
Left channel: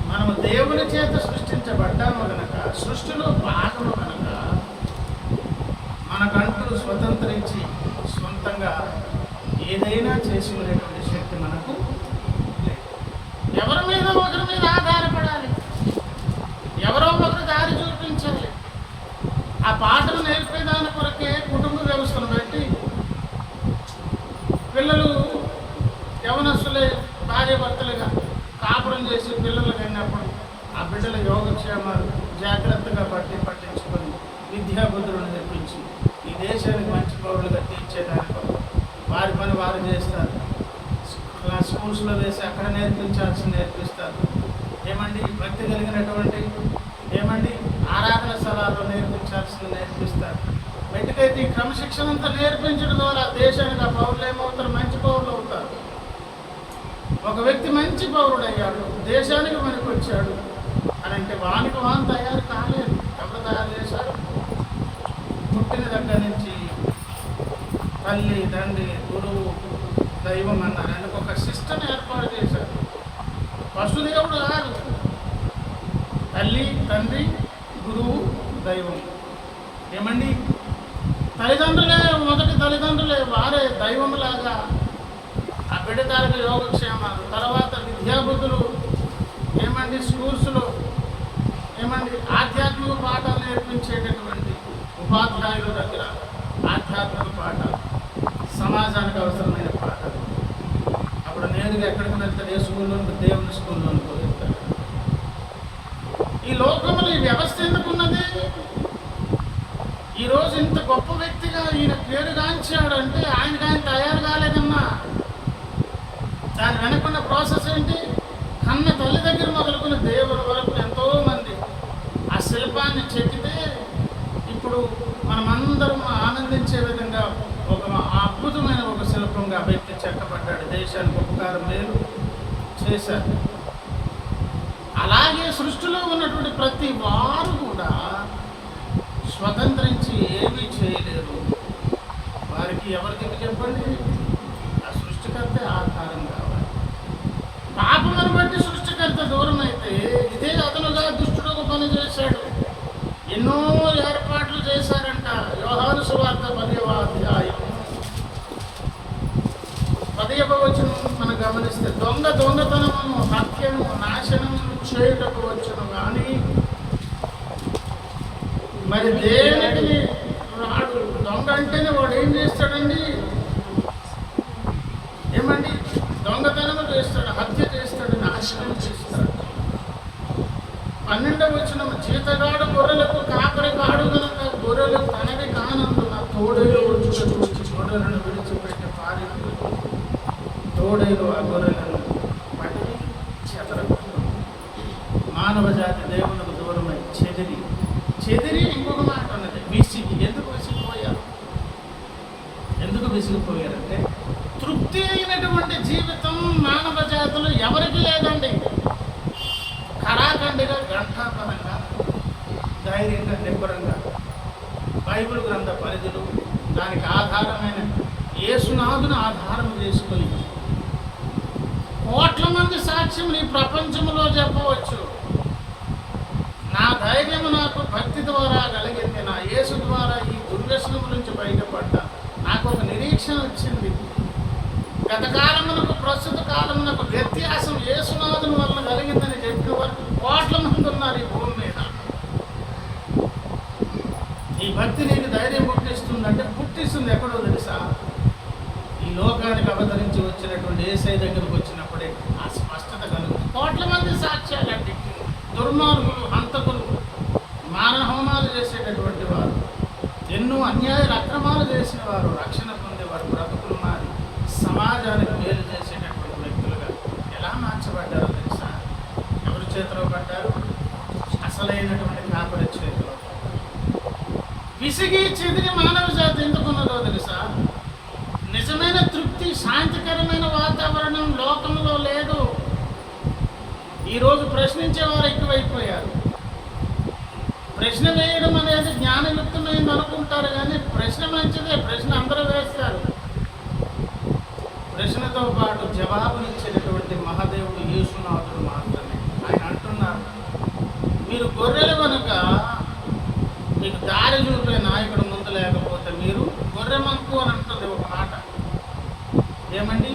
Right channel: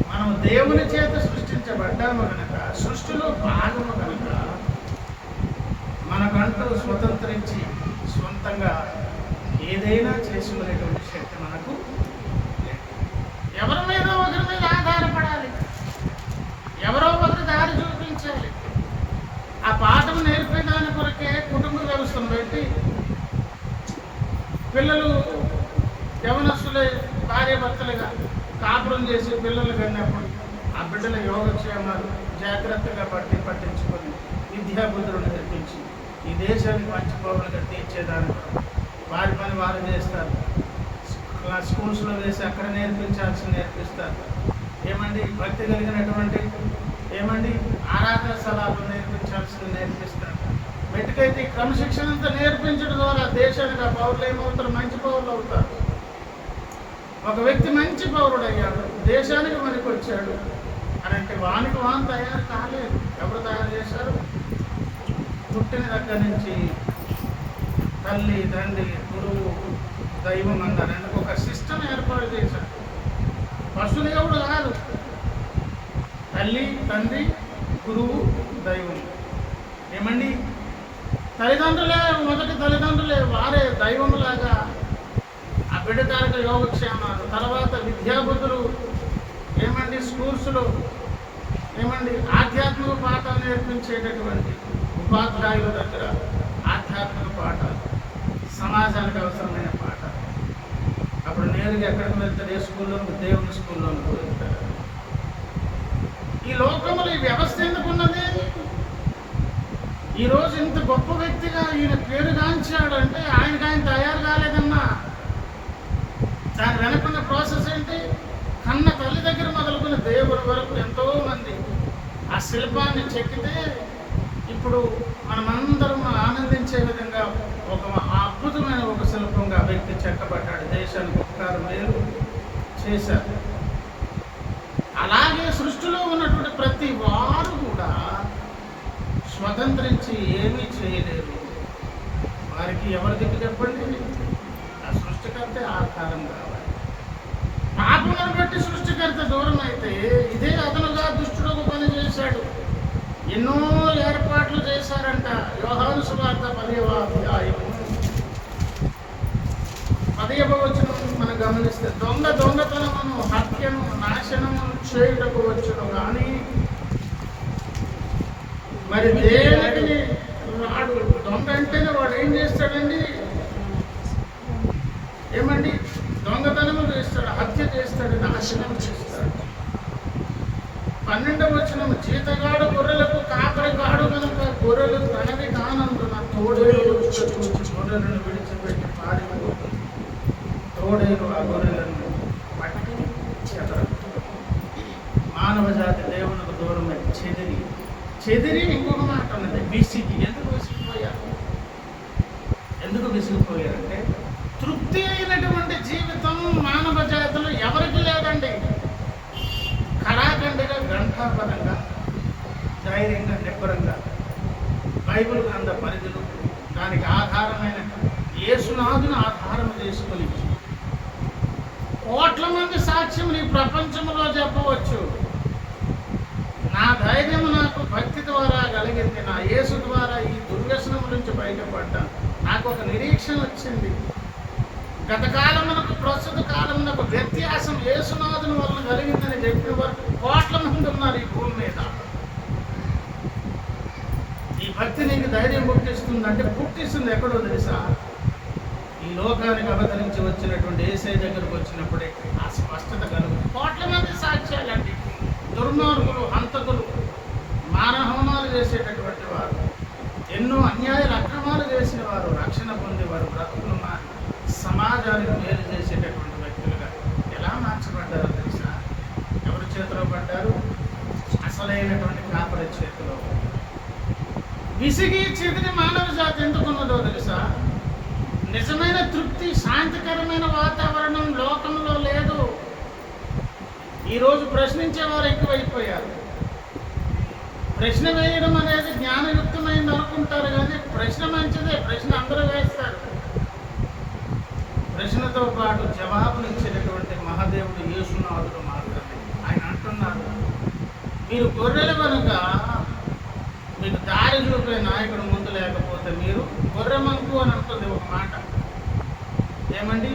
మనము దేవుని చేత సృష్టించబడ్డాము కనుక, సృష్టిలో భాగము కనుక, మనకంటూ స్వతంత్రించి సొంతంగా ఏదైనా చేసుకునేటువంటి శక్తి మనకు లేదు. ఎవరి మీద ఒకరి మీద ఆధారపడాలి, ఎవరో ఒకరు దారి చూపించాలి. ఆ పాఠం నేర్పేదాని కొరకే కుటుంబ వ్యవస్థను పెట్టి పిల్లలు యవనస్తులే భార్యాభర్తలుగా కాపురం చేసి పిల్లలు కన్నప్పుడు ఆ బిడ్డల యోగక్షేమాలు జాగ్రత్తగా పట్టించుకొని విద్యాబుద్ధులను నేర్పించి ఈ దేశానికి మంచి పౌరులుగా తీర్చేదాని వారి పని వారు చేస్తారు. స్కూల్స్లో వేసి అక్కడ నేర్పిస్తారు. ఏమండి, భక్తి కలిగినటువంటి ఏమండి ఆరాధన స్థలాల్లో నేర్పిస్తారు. మెట్టుకైతే ఈ క్రమశిక్షణ అంతా నేర్పించడం ద్వారా దేశానికి ఆ పౌరులు ఏమవుతారు? మంచి పౌరులు అవుతారు. ఒక వ్యక్తి మంచి పౌరుడు అయ్యాడు, దేశానికి మనకి వచ్చాడు అని అంటే వానికి వాన్ తయారు కాలేదు. ఎవరు తయారు చేశారు? పుట్టిన దగ్గర నుంచి తల్లి, తండ్రి, గురువు, దైవం అన్నారు. అందుకు ఒక సిస్టమ్ ఏర్పాటు చేశారు. పశుదేవుడు కాదు, తల్లి, తండ్రి, గురువు, దైవం. ఏమండి, తల్లిదండ్రులే మొదటి తల్లిదండ్రులే, వారే దైవంలాగా ఆ బిడ్డ తాలూకు యోగక్షేమాలు, తర్వాత విద్యాబుద్ధులు. ఏమండి, స్కూల్స్లో ఏమండి ఆధ్యాత్మిక పాఠాలు నేర్పించేటటువంటి ఉపాధ్యాయుల దగ్గర ఆధ్యాత్మిక పాఠాలు, సమాజానికి అవసరమైన పాఠాలు. అప్పుడు నేరుగా ఎక్కడికి వెళ్తాడు? ఏ స్కూల్లోనికి? దేవుని స్కూల్లోనికి వెళ్తాడు. ఈ లోకంలో ఈ వ్యవస్థ ఎందుకున్నది? ఈరోజు ఇంత గొప్ప వ్యక్తిగా ఈయన పేరుగాంచాడంటే ఆయనకు ఆయన తయారు కాలేదన్నా. దాని వెనకున్న ప్రాసెస్ ఏంటి? కన్న తల్లి దగ్గర మొదలుకుని దేవుని వరకు ఎంతోమంది ఆ శిల్పాన్ని చెక్కితే ఇప్పుడు మనమందరం ఆనందించే విధంగా ఒక అద్భుతమైన ఒక శిల్పంగా వ్యక్తి చెక్కబడ్డాడు. దేశానికి ఉపకారం మేలు చేశారు. అలాగే సృష్టిలో ఉన్నటువంటి ప్రతి వారు కూడా స్వతంత్రించి ఏమీ చేయలేరు. వారికి ఎవరి దిక్కు చెప్పండి? ఆ సృష్టికర్తే ఆధారం కావాలి. పాపమును బట్టి సృష్టికర్త దూరం అయితే ఇదే అదనుగా దుష్టుడు ఒక పని చేశాడు. ఎన్నో ఏర్పాట్లు చేశారంట. యోహాను సువార్త 10వ అధ్యాయం 10వ వచనం మనం గమనిస్తే, దొంగతనమును, హత్యను, నాశనమును చేయుటకు వచ్చును కానీ మరి దేనికి రాడు. దొంగ అంటేనే వాడు ఏం చేస్తాడండి? ఏమండి? దొంగతనము చేస్తాడు, హత్య చేస్తాడు, నాశనము చేస్తాడు. 12వ వచనం, జీతగాడు గొర్రెలకు కాపరి కాడు కనుక గొర్రెలు తనవి కానందున తోడేలు వచ్చుట చూచి గొర్రెలను విడిచిపెట్టి పారిపోతుంది. తోడేలు ఆ గొర్రెలను పట్టి చెదరగొట్టుతుంది. మానవ జాతి దేవునికి దూరమై చెదిరి ఇంకొక మాట ఉన్నది, విసిగి. ఎందుకు విసిగిపోయారంటే తృప్తి అయినటువంటి జీవితం మానవ జాతిలో ఎవరికి లేదండి. కడాఖండిగా, గ్రంథాపరంగా, ధైర్యంగా, నిబ్బరంగా బైబిల్ గ్రంథ పరిధులు, దానికి ఆధారమైన యేసునాథుని ఆధారం చేసుకుని కోట్ల మంది సాక్ష్యములు ఈ ప్రపంచంలో చెప్పవచ్చు. నా ధైర్యం నాకు భక్తి ద్వారా కలిగింది. నా యేసు ద్వారా ఈ దుర్వ్యసనము నుంచి బయటపడ్డా. నాకు ఒక నిరీక్షణ వచ్చింది. గత కాలమునకు ప్రస్తుత కాలమునకు వ్యత్యాసం యేసునాథుని వలన కలిగిందని చెప్పిన వరకు కోట్ల మంది ఉన్నారు ఈ భూమి మీద. ఈ భక్తి నీకు ధైర్యం పుట్టిస్తుందంటే పుట్టిస్తుంది ఎక్కడో తెలుసా? ఈ లోకానికి అవతరించి వచ్చినటువంటి యేసయ్య దగ్గరకు వచ్చినప్పుడే ఆ స్పష్టత కలుగుతుంది. కోట్ల మంది సాక్ష్యాలండి. దుర్మార్గులు, హంతకులు, మానహోమాలు చేసేటటువంటి వారు, ఎన్నో అన్యాయాలు, అక్రమాలు చేసిన వారు రక్షణ పొందేవారు, బ్రతుకులు మారి సమాజానికి మేలు చేసేటటువంటి వ్యక్తులుగా ఎలా మార్చబడ్డారో తెలుసా? ఎవరి చేతిలో పడ్డారు? అసలైనటువంటి కాపరి చేతిలో. విసిగి చెదిరి మానవ జాతి ఎందుకున్నదో తెలుసా? నిజమైన తృప్తి, శాంతికరమైన వాతావరణం లోకంలో లేదు. ఈరోజు ప్రశ్నించేవారు ఎక్కువైపోయారు. ప్రశ్న వేయడం అనేది జ్ఞానయుక్తమైంది అనుకుంటారు, కానీ ప్రశ్న మంచిదే. ప్రశ్న అందరూ వేస్తారు. ప్రశ్నతో పాటు జవాబునిచ్చేటటువంటి మహాదేవుడు యేసునాథుడు మాత్రమే. ఆయన అంటున్నారు, మీరు గొర్రెలు కనుక మీకు దారి చూపే నాయకుడు ముందు లేకపోతే మీరు గొర్రె మంకు అని అంటుంది ఒక మాట. ఏమండి?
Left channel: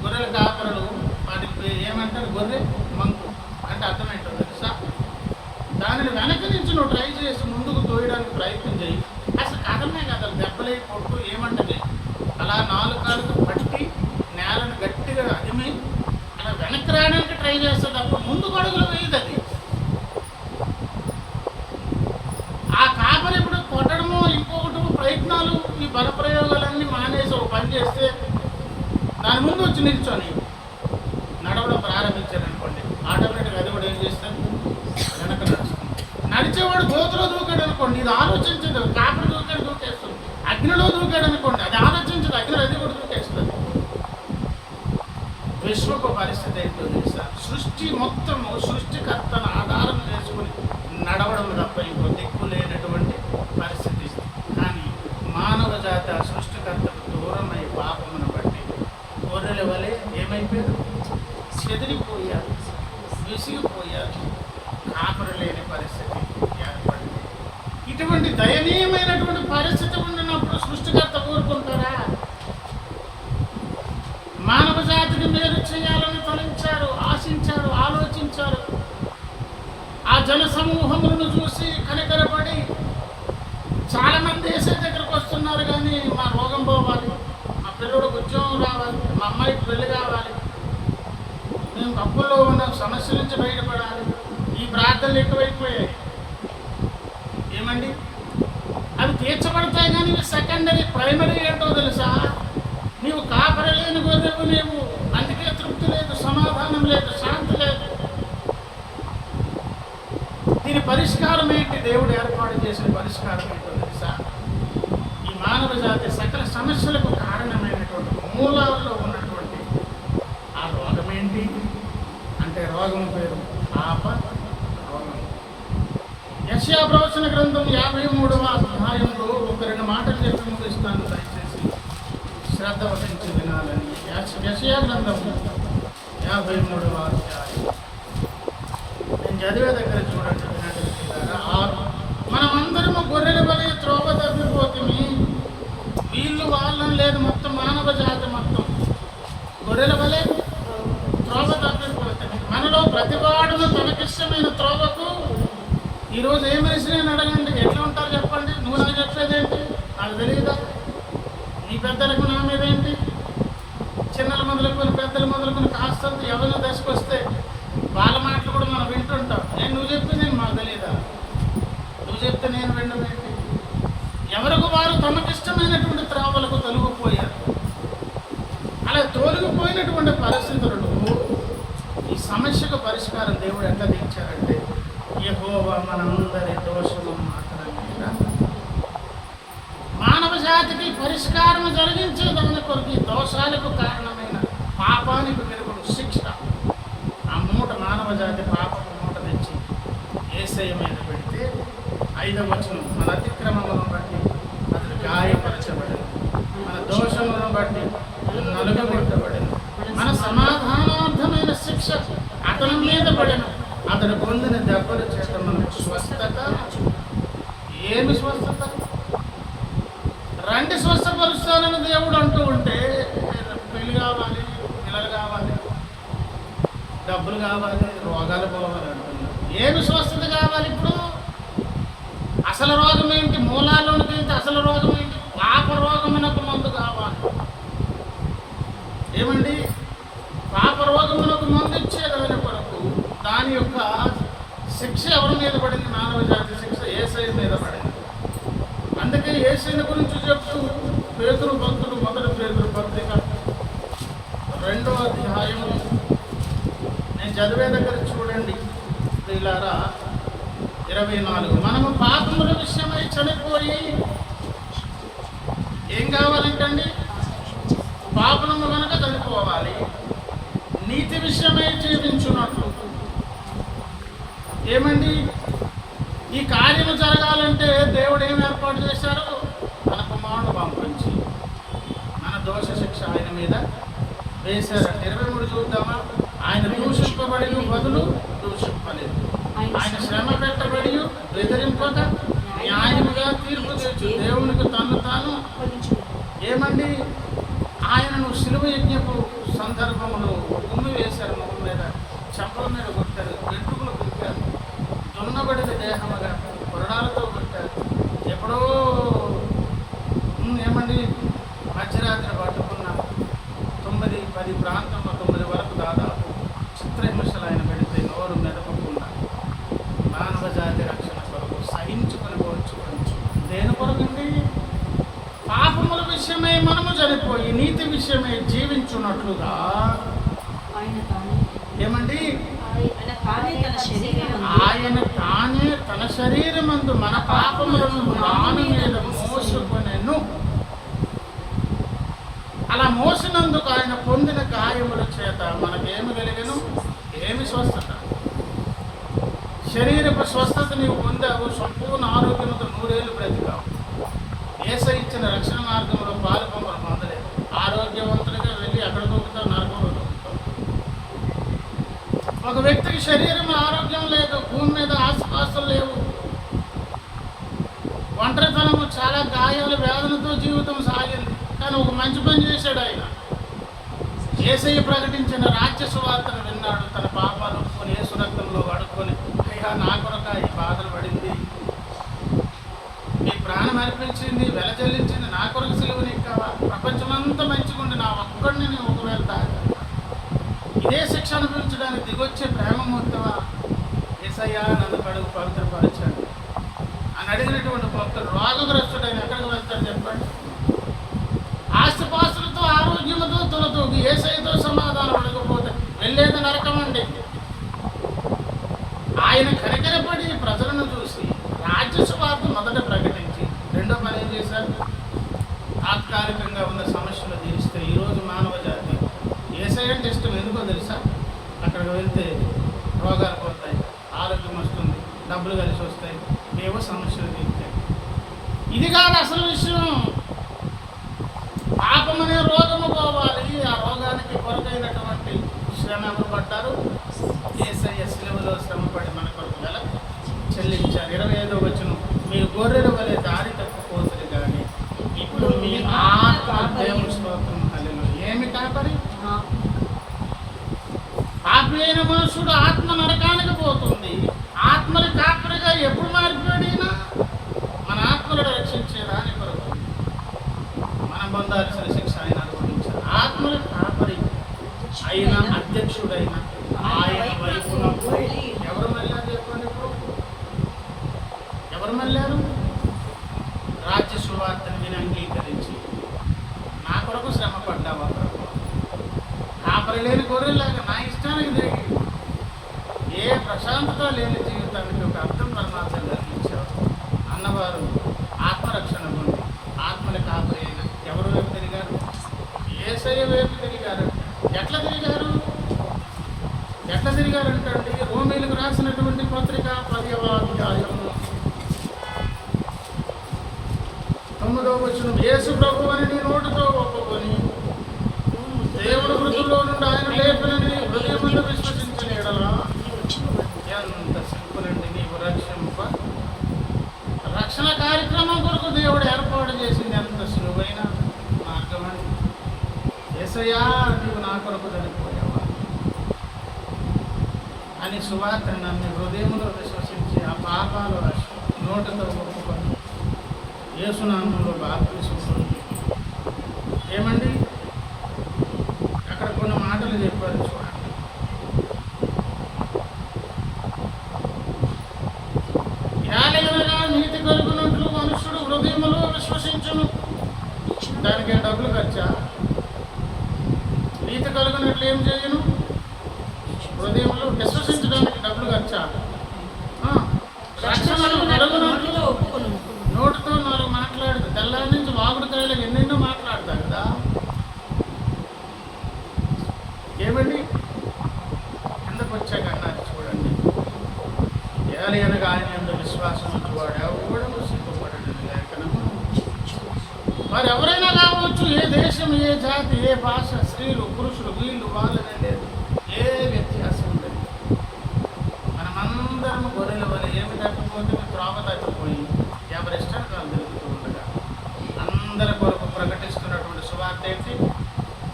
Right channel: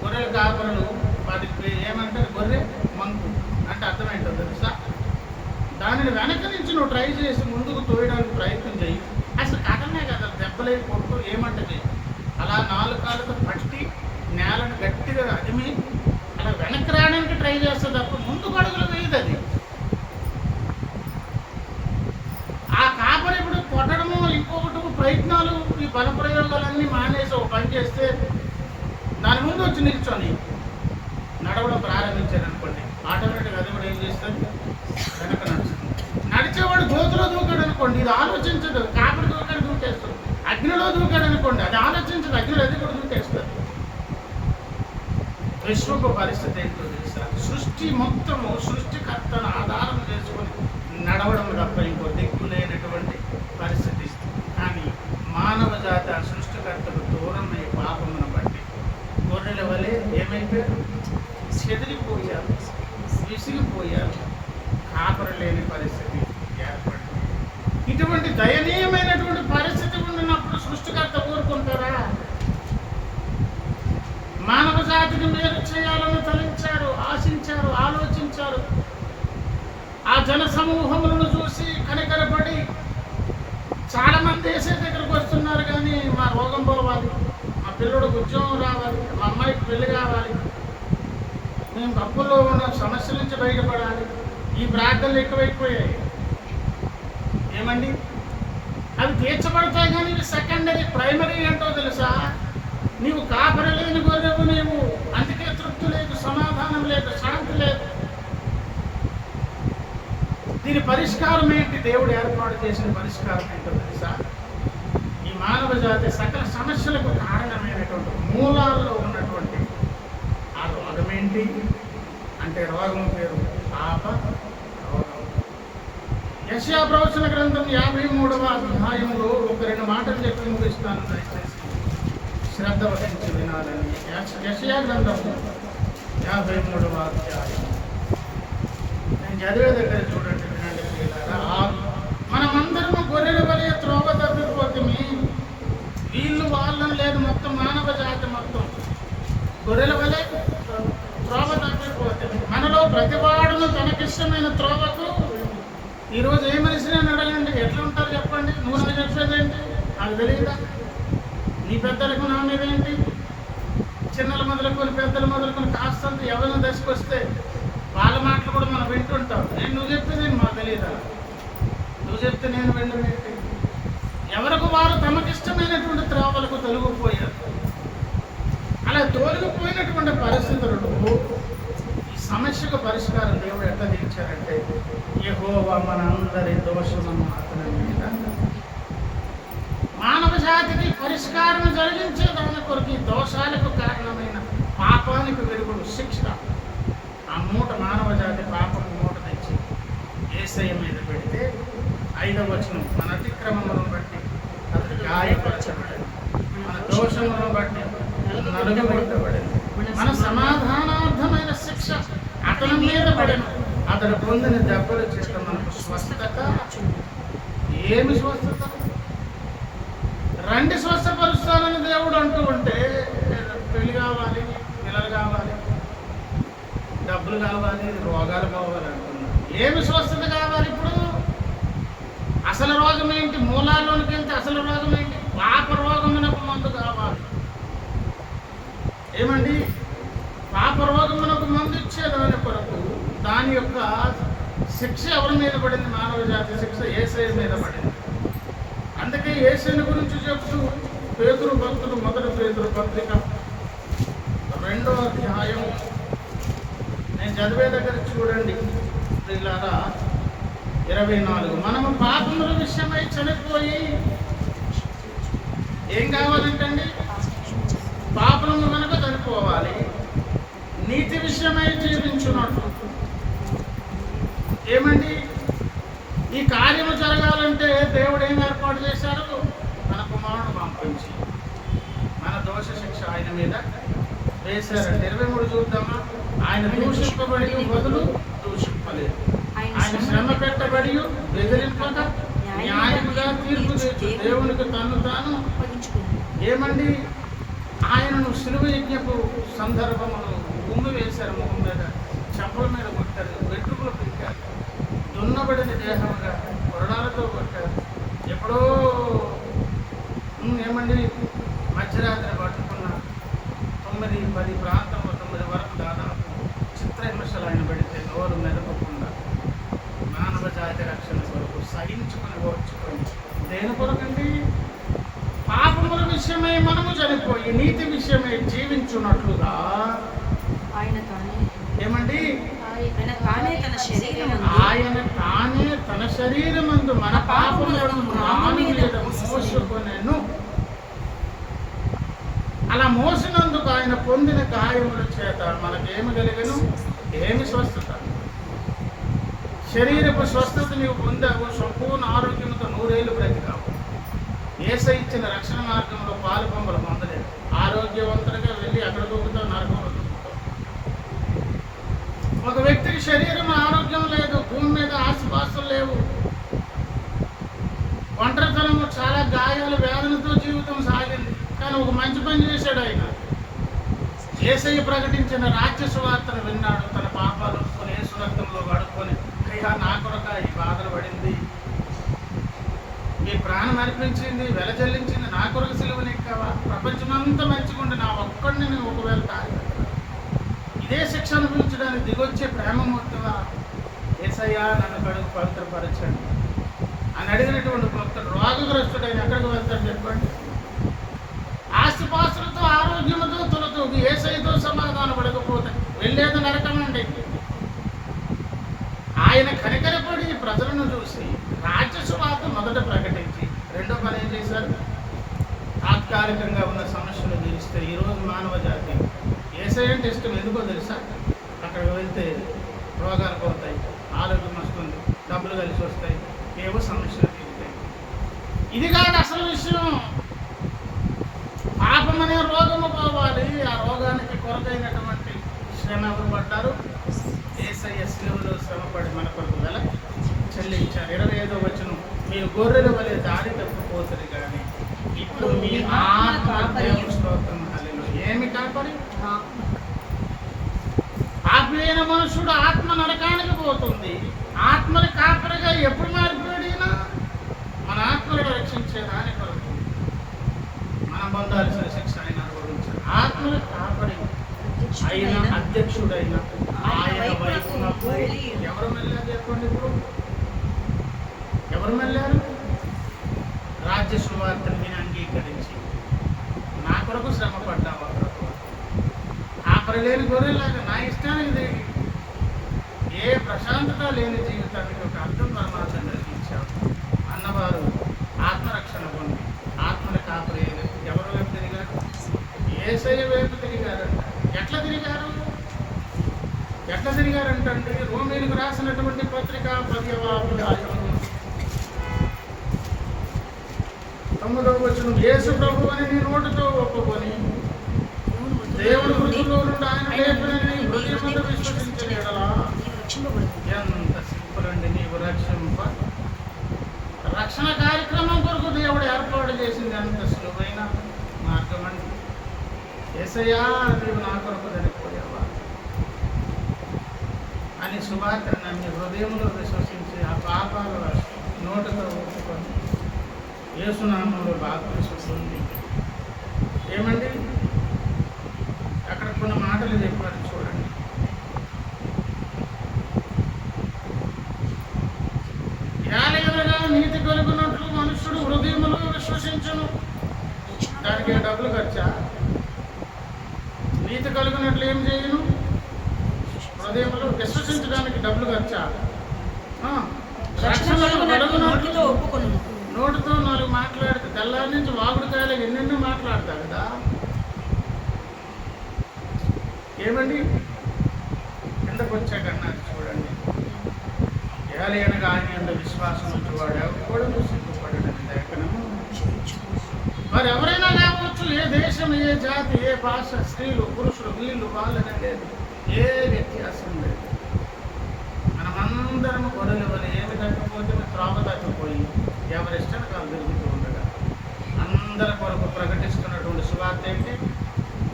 గొర్రెల కాపరులు వాటికి ఏమంటారు? గొర్రె మంకు అంటే అర్థం ఏంటో తెలుసా? దానిని వెనక నుంచి నువ్వు ట్రై చేసి ముందుకు తోయడానికి ప్రయత్నం చేయి. అసలు కథమే కదా, దెబ్బలే కొట్టు ఏమంటది, అలా 4 కాళ్ళతో పట్టి నేలను గట్టిగా అదిమి అలా వెనక్కి రావడానికి ట్రై చేస్తుంది తప్ప ముందుకు అడుగులు వేయదు అది. ఆ కాపరి ఇప్పుడు కొట్టడము, ఇంకొకటి ప్రయత్నాలు, ఈ బల ప్రయోగాలన్నీ మానేసి ఒక పని చేస్తే దాని ముందు వచ్చి నిల్చొని నడవడం ప్రారంభించారనుకోండి, ఆటోమేటిక్గా అది కూడా ఏం చేస్తుంది? వెనక నడుస్తుంది. నడిచేవాడు గోతులో దూకాడు అనుకోండి, ఇది ఆలోచించదు. కాపరి దూకాడు, దూకేస్తుంది. అగ్నిలో దూకాడు అనుకోండి, అది ఆలోచించదు. అగ్నిలో అది కూడా దూకేస్తుంది. విశ్వకు పరిస్థితి ఏంటో తెలుసా? సృష్టి మొత్తము సృష్టికర్తను ఆధారం చేసుకుని నడవడం తప్ప ఇంకో దిక్కు లేనటువంటి పరిస్థితి. కానీ మానవ జాతి ఆ సృష్టికర్తకు దూరమై పాపమును బట్టి గొర్రెల వలె ఏమైపోయారు? చెదిరిపోయారు, విసిగిపోయారు, కాపరి లేని పరిస్థితి ఏర్పడింది. ఇటువంటి దయనీయమైనటువంటి పరిస్థితి ఉన్నప్పుడు సృష్టికర్త ఊరుకుంటారా? మానవ జాతిని మేలు చేయాలని తలంచారు, ఆశించారు, ఆలోచించారు. ఆ జన సమూహములను చూసి కనికరపడి చాలామంది యేసయ్య దగ్గరకు వస్తున్నారు, కానీ మా రోగం పోవాలి, మా పిల్లడికి ఉద్యోగం రావాలి, మా అమ్మాయికి పెళ్లి కావాలి, మేము అప్పుల్లో ఉన్న సమస్యల నుంచి బయటపడాలి. ఈ ప్రార్థనలు ఎక్కువైపోయాయి. ఏమండి, అవి తీర్చబడతాయి కానీ ఇవి సెకండరీ. ప్రైమరీ ఏంటో తెలుసా? నీవు కాపరి లేని గొర్రెవు నీవు, అందుకే తృప్తి లేదు, సమాధానం లేదు, శాంతి లేదు. దీని పరిష్కారం ఏంటి? దేవుడు ఏర్పాటు చేసిన పరిష్కారం ఏంటో తెలుసా? ఈ మానవ జాతి సకల సమస్యలకు కారణమైనటువంటి మూలాల్లో ఉన్నటువంటి ఆ రోగం ఏంటి అంటే, రోగం పేరు పాప రోగం. యెషయా ప్రవచన గ్రంథం 53వ అధ్యాయంలో ఒక 2 మాటలు చెప్పి ముగిస్తాను, దయచేసి శ్రద్ధ వహించి వినాలని. యెషయా గ్రంథం 53వ అధ్యాయం నేను చదివే దగ్గర చూడండి, వినండి ప్రియులారా. మనమందరము గొర్రెల వలె త్రోవ తప్పిపోతుంది, వీళ్ళు వాళ్ళని లేదు, మొత్తం మానవ జాతి మొత్తం గొర్రెల వలె త్రోవ తప్పిపోతుంది. మనలో ప్రతివాడును తనకిష్టమైన త్రోవకు. ఈరోజు ఏ మనిషిని అడగండి, ఎట్లా ఉంటారు చెప్పండి? నువ్వు నాకు చెప్పేదేంటి? నాకు తెలియదా? నీ పెద్దలకు నా మీద ఏంటి? చిన్నలు మొదలుకొని పెద్దలు మొదలుకొని కాస్తంత ఎవరిన దశకు వస్తే వాళ్ళ మాటలు కూడా మనం వింటుంటాం. నువ్వు చెప్తే నేను మాకు తెలియదా? నువ్వు చెప్తే నేను వినడం ఏంటి? ఎవరికి వారు తమకిష్టమైనటువంటి త్రోవలకు తొలగిపోయారు. అలా తొలగిపోయినటువంటి పరిస్థితులలో ఈ సమస్యకు పరిష్కారం దేవుడు ఎట్లా తీర్చారంటే, యెహోవా మనందరి దోషమును అతని మీద. మానవ జాతికి పరిష్కారం జరిగించే దాని కొరకు ఈ దోషాలకు కారణమైన పాపానికి వెలుగుడు శిక్ష. ఆ మూట, మానవ జాతి పాపము మూట తెచ్చి యేసయ్య మీద పెడితే 5వ వచనం, మన అతిక్రమములను బట్టి అతడు గాయపరచబడెను, మన దోషములను బట్టి నలుగగొట్టబడెను, మన సమాధానార్థమైన శిక్ష అతని మీద పడెను, అతడు పొందిన దెబ్బల చేత మనకు స్వస్థత. ఏమి స్వస్థత? రండి స్వస్థపరుస్తానని దేవుడు అంటూ ఉంటే, పెళ్లి కావాలి, పిల్లలు కావాలి, డబ్బులు కావాలి, రోగాలు పోవాలి అంటున్నారు. ఏమి స్వస్థత కావాలి ఇప్పుడు? అసలు రోగం ఏంటి? మూలాల్లోనికి వెళ్తే అసలు రోగం ఏంటి? పాప రోగమునకు మందు కావాలి. ఏమండి, పాప రోగమునకు మందు ఇచ్చేదాని కొరకు దాని యొక్క శిక్ష ఎవరి మీద పడింది? మానవ జాతి శిక్ష యేసయ్య మీద పడింది. అందుకే యేసయ్య గురించి చెప్తూ పేతురు భక్తుడు 1 పేతురు పత్రిక 2వ అధ్యాయం నేను చదివే దగ్గర చూడండి ప్రియులారా, 24. మనము పాపముల విషయమై చనిపోయి ఏం కావాలంటండి? పాపము కనుక చనిపోవాలి, నీతి విషయమై జీవించున్నట్లు. ఏమండి, ఈ కార్యము జరగాలంటే దేవుడు ఏం ఏర్పాటు చేశారు? మన కుమారుడు పంపించి మన దోష శిక్ష ఆయన మీద వేశారంటే. 23 చూద్దామా? ఆయన దూషింపబడి బదులు దూషింపలేదు, ఆయన శ్రమ పెట్టబడి బెదిరింపక న్యాయముగా తీర్పు తెచ్చు దేవునికి తను తాను. ఏమండి, ఆయనను శిలువ యజ్ఞపు సందర్భములు ఉమ్మి వేశారు, ముఖం మీద, చెంపల మీద కొట్టారు, వెంట్రుకలు పీకారు, దున్నబడిన దేహముగా కొరడాలతో కొట్టారు. ఎప్పుడో ఏమండి, మధ్యరాత్రి పట్టుకున్న 9-10 ప్రాంతంలో 9 వరకు దాదాపు చిత్రహింసలు ఆయన పెడితే నోరు మెదపకుండా మానవ జాతి రక్షణ కొరకు సహించుకొని ఓర్చుకొని. దేని కొరకండి? పాపముల విషయమై మనము చనిపోయి నీతి విషయమై జీవించున్నట్లుగా. ఏమండి, ఆయన తానే తన శరీరమందు మన పాపములను రాను మీద మోసుకొనెను. అలా మోసినందుకు ఆయన పొందిన గాయముల చేత మనకేమి కలిగెను? ఏమి స్వస్థత? శరీరపు స్వస్థత నీవు పొందావు, సంపూర్ణ ఆరోగ్యంతో 100 ఏళ్ళు బ్రతికావు. యేసయ్య ఇచ్చిన రక్షణ మార్గంలో పాలు పొంగలు పొందలేదు. ఆరోగ్యవంతుడిగా వెళ్ళి అక్కడ దొక్కుతావు, నరకంలో దొక్కుతావు. ఒక వ్యక్తికి శరీరం ఆరోగ్యం లేదు, భూమి మీద ఆస్తిపాస్తులు లేవు, ఒంటరితనము, చాలా గాయాలు, వేదనతో జీవితం సాగింది. కానీ ఒక మంచి పని చేశాడు ఆయన. యేసయ్య ప్రకటించిన రాజ్య సువార్తను విన్నాడు, తన పాపాలు ఒప్పుకొని యేసు రక్తంలో కడుక్కొని, అయ్యా నా కొరక ఈ బాధలు పడింది, మీ ప్రాణం ప్రాణం అర్పించింది, వెల చెల్లించింది నా కొరకు సిలువని ఎక్కావా? ప్రపంచమంతా మంచిగుండి నా ఒక్కడిని నేను ఒకవేళ తాగుతావా? ఇదే శిక్ష అనుభవించడానికి దిగొచ్చే ప్రేమమూర్తివా? యేసయ్యా నన్ను కడుగు పవిత్రపరచండి అని అడిగినటువంటి భక్తుడు రోగగ్రస్తుడైన ఎక్కడికి వెళ్తాడు చెప్పండి? ఆస్తిపాస్తులతో ఆరోగ్యముతో తొలతూగి యేసయ్యతో సమాధానం పడకపోతే వెళ్ళేది నరకమండి. ఆయన కనికరపడి ప్రజలను చూసి రాజ్య సువార్త మొదట ప్రకటించి రెండో పని ఏం చేశారు? తాత్కాలికంగా ఉన్న సమస్యలు తీరిస్తే ఈరోజు మానవ జాతి యేసయ్య అంటే ఇష్టం ఎందుకో తెలుసా? అక్కడికి వెళ్తే రోగాలు పోతాయి, ఆరోగ్యం వస్తుంది, డబ్బులు కలిసి వస్తాయి, ఏవో సమస్యలు తీరుతాయి. ఇది కాదు అసలు విషయం. పాపం అనే రోగము పోవాలి. ఆ రోగానికి కొరకైనటువంటి శ్రమ ఎవరు పడ్డారు? యేసయ్య సిలువలో శ్రమపడి మన కొరకు వెల చెల్లించారు. 25వ వచనం, మీరు గొర్రెల వలె దారి తప్పిపోతుంది కానీ ఇప్పుడు మీ ఆత్మ దేవుని స్తోత్రం హల్లెలూయా. ఏమి కాపరి? పాపి అయిన మనుషుడు ఆత్మ నరకానికి పోతుంది. ఆత్మని కాపరిగా ఎప్పుడు మారిపోయాడినా? మన ఆత్మలను రక్షించేదాని కొరకు మనం పొందాల్సిన శిక్ష ఆయన అనుభవించారు. ఆత్మల కాపరి అయిన అధ్యక్షుడైన ఆయన వైపునకు ఎవరు వెళ్ళారు చెప్పండి? ఇప్పుడు ఎవరు వెళ్ళారు? రాజ్య సువార్తను విని అంగీకరించి నా కొరకు శ్రమ పడ్డావా ప్రభు? కాపరి లేని గొర్రెలాగా నా ఇష్టానికి తిరిగి ఏ ప్రశాంతత లేని జీవితానికి ఒక అర్థం పరమార్థం కలిగించావు అన్నవారు ఆత్మరక్షణ పొంది ఆత్మల కాపరి అయిన ఎవరు వైపు తిరిగారు? యేసయ్య వైపు తిరిగారంట. ఎట్లా తిరిగారంటే రోమీలకు రాసినటువంటి పత్రిక 10వ అధ్యాయము 9వ వచనం, యేసు ప్రభువు అని నీ నోటితో ఒప్పుకొని దేవుడు మృతుల్లో నుండి ఆయన లేపినని నీ హృదయమందు విశ్వసించిన ఎడలా ఎంత సింపుల్ అండి. నీవు రక్షణ కార్యక్రమం కొరకు దేవుడు ఏర్పాటు చేసింది అంత సులువైన మార్గం అండి. యేసయ్యా నీవు నా కొరకు చనిపోయావా అని సువార్త నమ్మి హృదయంలో విశ్వసించి ఆ పాపాలు నోటితో ఒప్పుకొని యేసునామంలో బాప్తిసం పొంది ఏమండి అక్కడ కొన్ని మాటలు చెప్పారు చూడండి. ఏలయనగా నీతి కలుగునట్లు మనుష్యుడు హృదయములో విశ్వసించును. దానికి డబ్బులు ఖర్చా? నీతి కలుగునట్లు ఏం చేయను? హృదయంలో విశ్వసించడానికి డబ్బులు ఖర్చా? రక్షణలు కలుగునట్లు నోటితో 4 మాట్లాడితే తెల్లారి నుంచి వాగుడుకాయలు ఎన్నెన్నో మాట్లాడతా కదా. ఏమండి కిందకు వచ్చాక అన్నారు చూడండి, ఏలయనగా ఆయన యందు విశ్వాసం వచ్చేవాడు ఎవడు సిగ్గుపడని లేఖనము. మరి ఎవరైనా కావచ్చు, ఏ దేశం, ఏ జాతి, ఏ భాష, స్త్రీలు, పురుషులు, వీళ్ళు వాళ్ళనే లేదు, ఏ వ్యత్యాసం లేదు. మనమందరం గొర్రెల వల్ల ఏమి తప్పిపోతుంది? త్రోవ తప్పిపోయి ఎవరిష్టానికి వాళ్ళు తిరుగుతూ ఉండగా అందరి కొరకు ప్రకటిస్తున్నటువంటి సువార్త ఏంటి?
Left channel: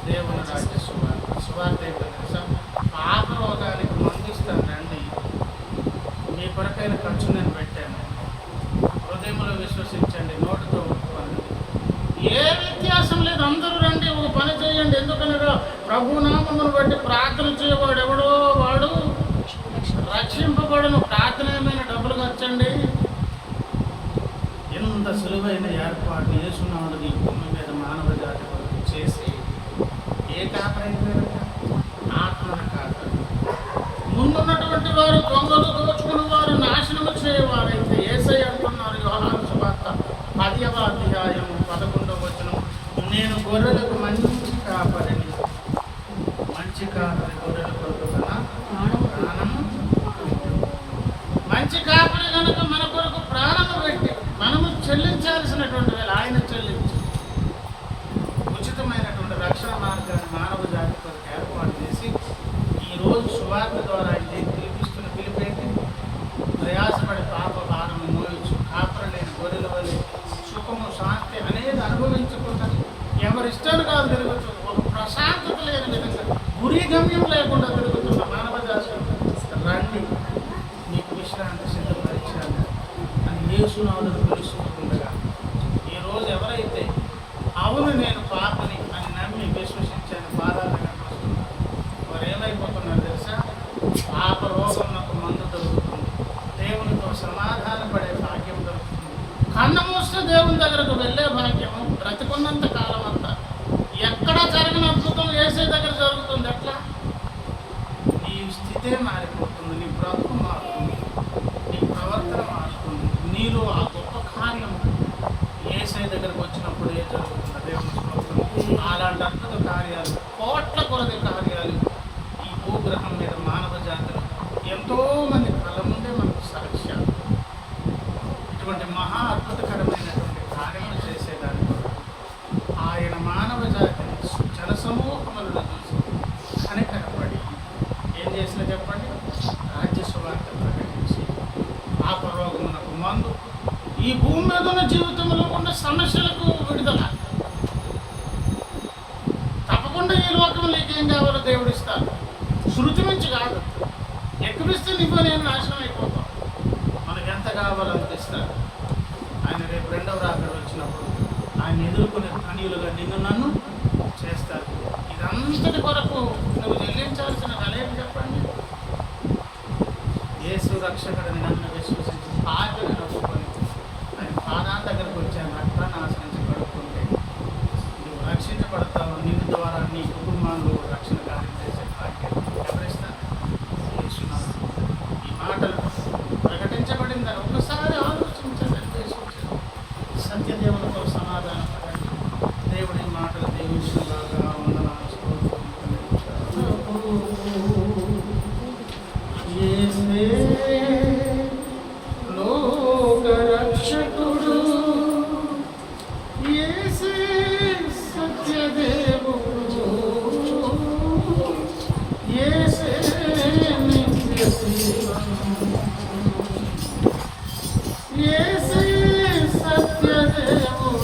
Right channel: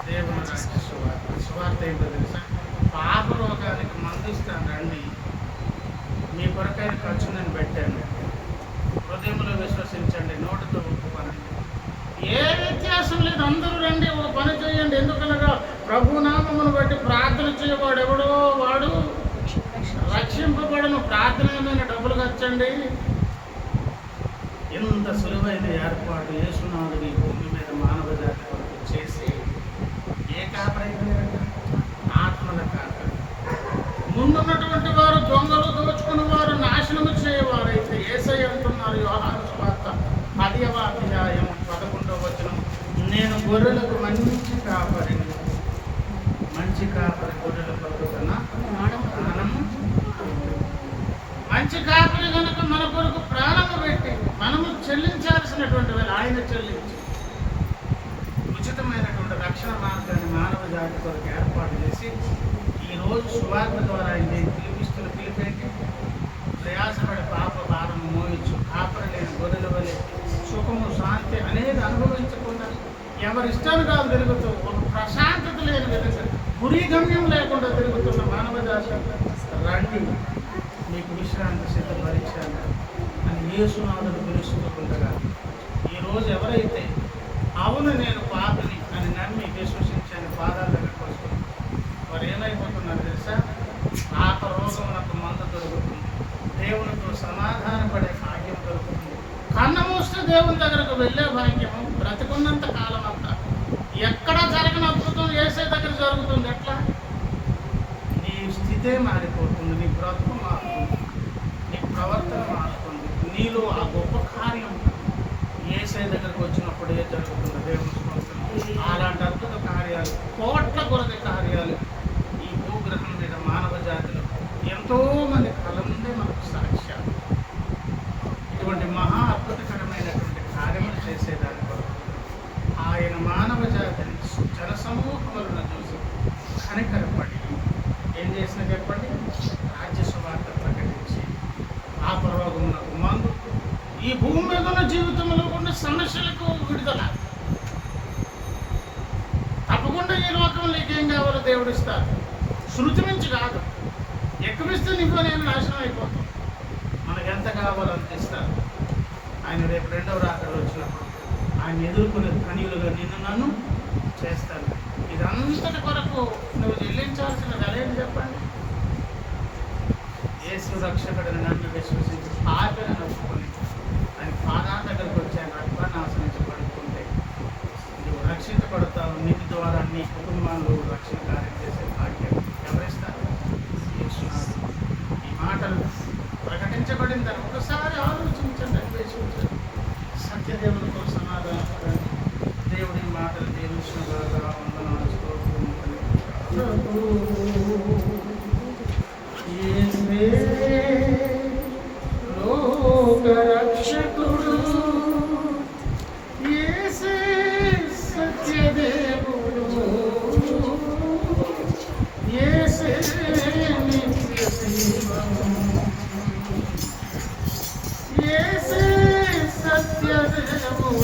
దేవుని రాజ్య సువార్త. సువార్త ఏంటో తెలుసా? పాప రోగానికి మందు ఇస్తాను రండి, మీ కొరకైన ఖర్చు నేను పెట్టాను, హృదయంలో విశ్వసించండి, నోటితో ఒప్పుకోనండి, ఏ వ్యత్యాసం లేదు, అందరూ రండి, ఒక పని చేయండి. ఎందుకనగా ప్రభునామమును బట్టి ప్రార్థన చేయవాడు ఎవడో వాడు రక్షింపబడను. ప్రార్థన ఏమైనా డబ్బులు ఖర్చండి. ఎంత సులువైన ఏర్పాటు యేసునాథుడు ఈ భూమి మీద మానవ జాతి కొరకు చేసి ఏ కాపరైపోయారట? ఆత్మల కాపరి. ముందున్నటువంటి వారు దొంగలు, దోచుకుని వారు, నాశనము చేయవారైతే యేసయ్య అంటున్నారు యోహాను సువార్త 10వ అధ్యాయం 11వ వచనం, నేను గొర్రెలకు మంచి కాపరిని, మంచి కాపరి గొర్రెల కొరకు తన ప్రాణము. మంచి కాపరి కనుక మన కొరకు ప్రాణము పెట్టి మనము చెల్లించాల్సినటువంటి వేళ ఆయన చెల్లించి ఉచితమైనటువంటి రక్షణ మార్గాన్ని మానవ జాతి కొరకు ఏర్పాటు చేసి ఈరోజు సువార్త ద్వారా ఆయన పిలిపిస్తున్న పిలిపేంటి? ప్రయాసపడి పాప భారము మోయొచ్చు, కాపర లేని గొర్రెల వలె సుఖము, శాంతి అనేది అనుభవించకుండా ఎవరిష్టాన్ని కాదు తిరుగుతూ ఒక ప్రశాంతత లేని విధంగా గురి గమ్యం లేకుండా తిరుగుతున్న మానవ జాతి రండి, మీకు విశ్రాంతి సిద్ధపరిచాను అని యేసునాథుడు పిలుస్తుండగా ఈరోజు ఎవరైతే అవును నేను పాపని అని నమ్మి విశ్వసించి ఆయన పాదాల దగ్గరకు వస్తున్నారు, వారు ఏమైపోతున్నారు తెలుసా? పాప రోగం నాకు మందు దొరుకుతుంది, దేవునితో సమాధానపడే భాగ్యం దొరుకుతుంది, కన్ను మూస్తే దేవుని దగ్గరకు వెళ్ళే భాగ్యము బ్రతికున్నంత కాలం అంతా. ఎక్కడ జరగని అద్భుతం యేసే దగ్గర జరుగుతుంది. ఎట్లా? నీ స్థితే మారిపోతుంది, నీ బ్రతుకు మారుతుంది, నీ ప్రవర్తన మారుతుంది, నీలో ఆ గొప్ప కార్యం యేసే దగ్గరకు వచ్చినప్పుడే జరుగుతుంది. దేవుని స్తోత్రం. అలాంటి అద్భుత కార్యాలు, కోట్ల కొలది కార్యాలు ఈ భూగ్రహం మీద మానవ జాతిలో ఎంతోమంది కళ్ళ ముందే మనకు సాక్ష్యాలు. ఇటువంటి మహా అద్భుతకరమైనటువంటి కార్యములు చేసేదాని కొరకు ఆయన మానవ జాతిని జనసమూహములను చూసి కనికరపడి ఏం చేసినా చెప్పండి? రాజ్య సువార్త ప్రకటించి పాపరోగమునకు మందు, ఈ భూమి మీద ఉన్న జీవితంలో ఉన్న సమస్యలకు విడుదల. తప్పకుండా ఈ లోకంలో ఏం కావాలో దేవుడు ఇస్తారు. శృతి మించి కాదు. ఎక్కువిస్తే నువ్వు నేను నాశనం అయిపోతాం. మనకు ఎంత కావాలో అంత ఇస్తారు. ఆయన రేపు రెండవ రాకడ వచ్చినప్పుడు ఆయన ఎదుర్కొనే ధనియులుగా నిన్ను నన్ను చేస్తారు. ఇదంతటి కొరకు నువ్వు చెల్లించాల్సిన వెలేంటి చెప్పండి? యేసు రక్షకుడిని నన్ను విశ్వసించి పాపిని నొప్పుకొని ఆయన పాదాల దగ్గరకు వచ్చి ఆయన రక్తాన్ని ఆశ్రయించి పడుకుంటే నువ్వు రక్షించబడతావు. నిన్ను ద్వారా నీ కుటుంబాల్లో రక్షణ కార్యం చేసే భాగ్యం ఎవరిస్తారు? యేసునాథుడు. ఈ మాటలు ప్రకటించబడిందని ఒకసారి ఆలోచించండి, అన్వేషించండి. సత్యదేవులతో సమాధానపడండి. దేవుడి మాటలు దేవించినగా వందనాలు, స్తోత్రం. యేసే లోక రక్షకుడు, యేసే సత్యదేవుడు, యేసే నిత్య జీవం, యేసే సత్యదేవుడు.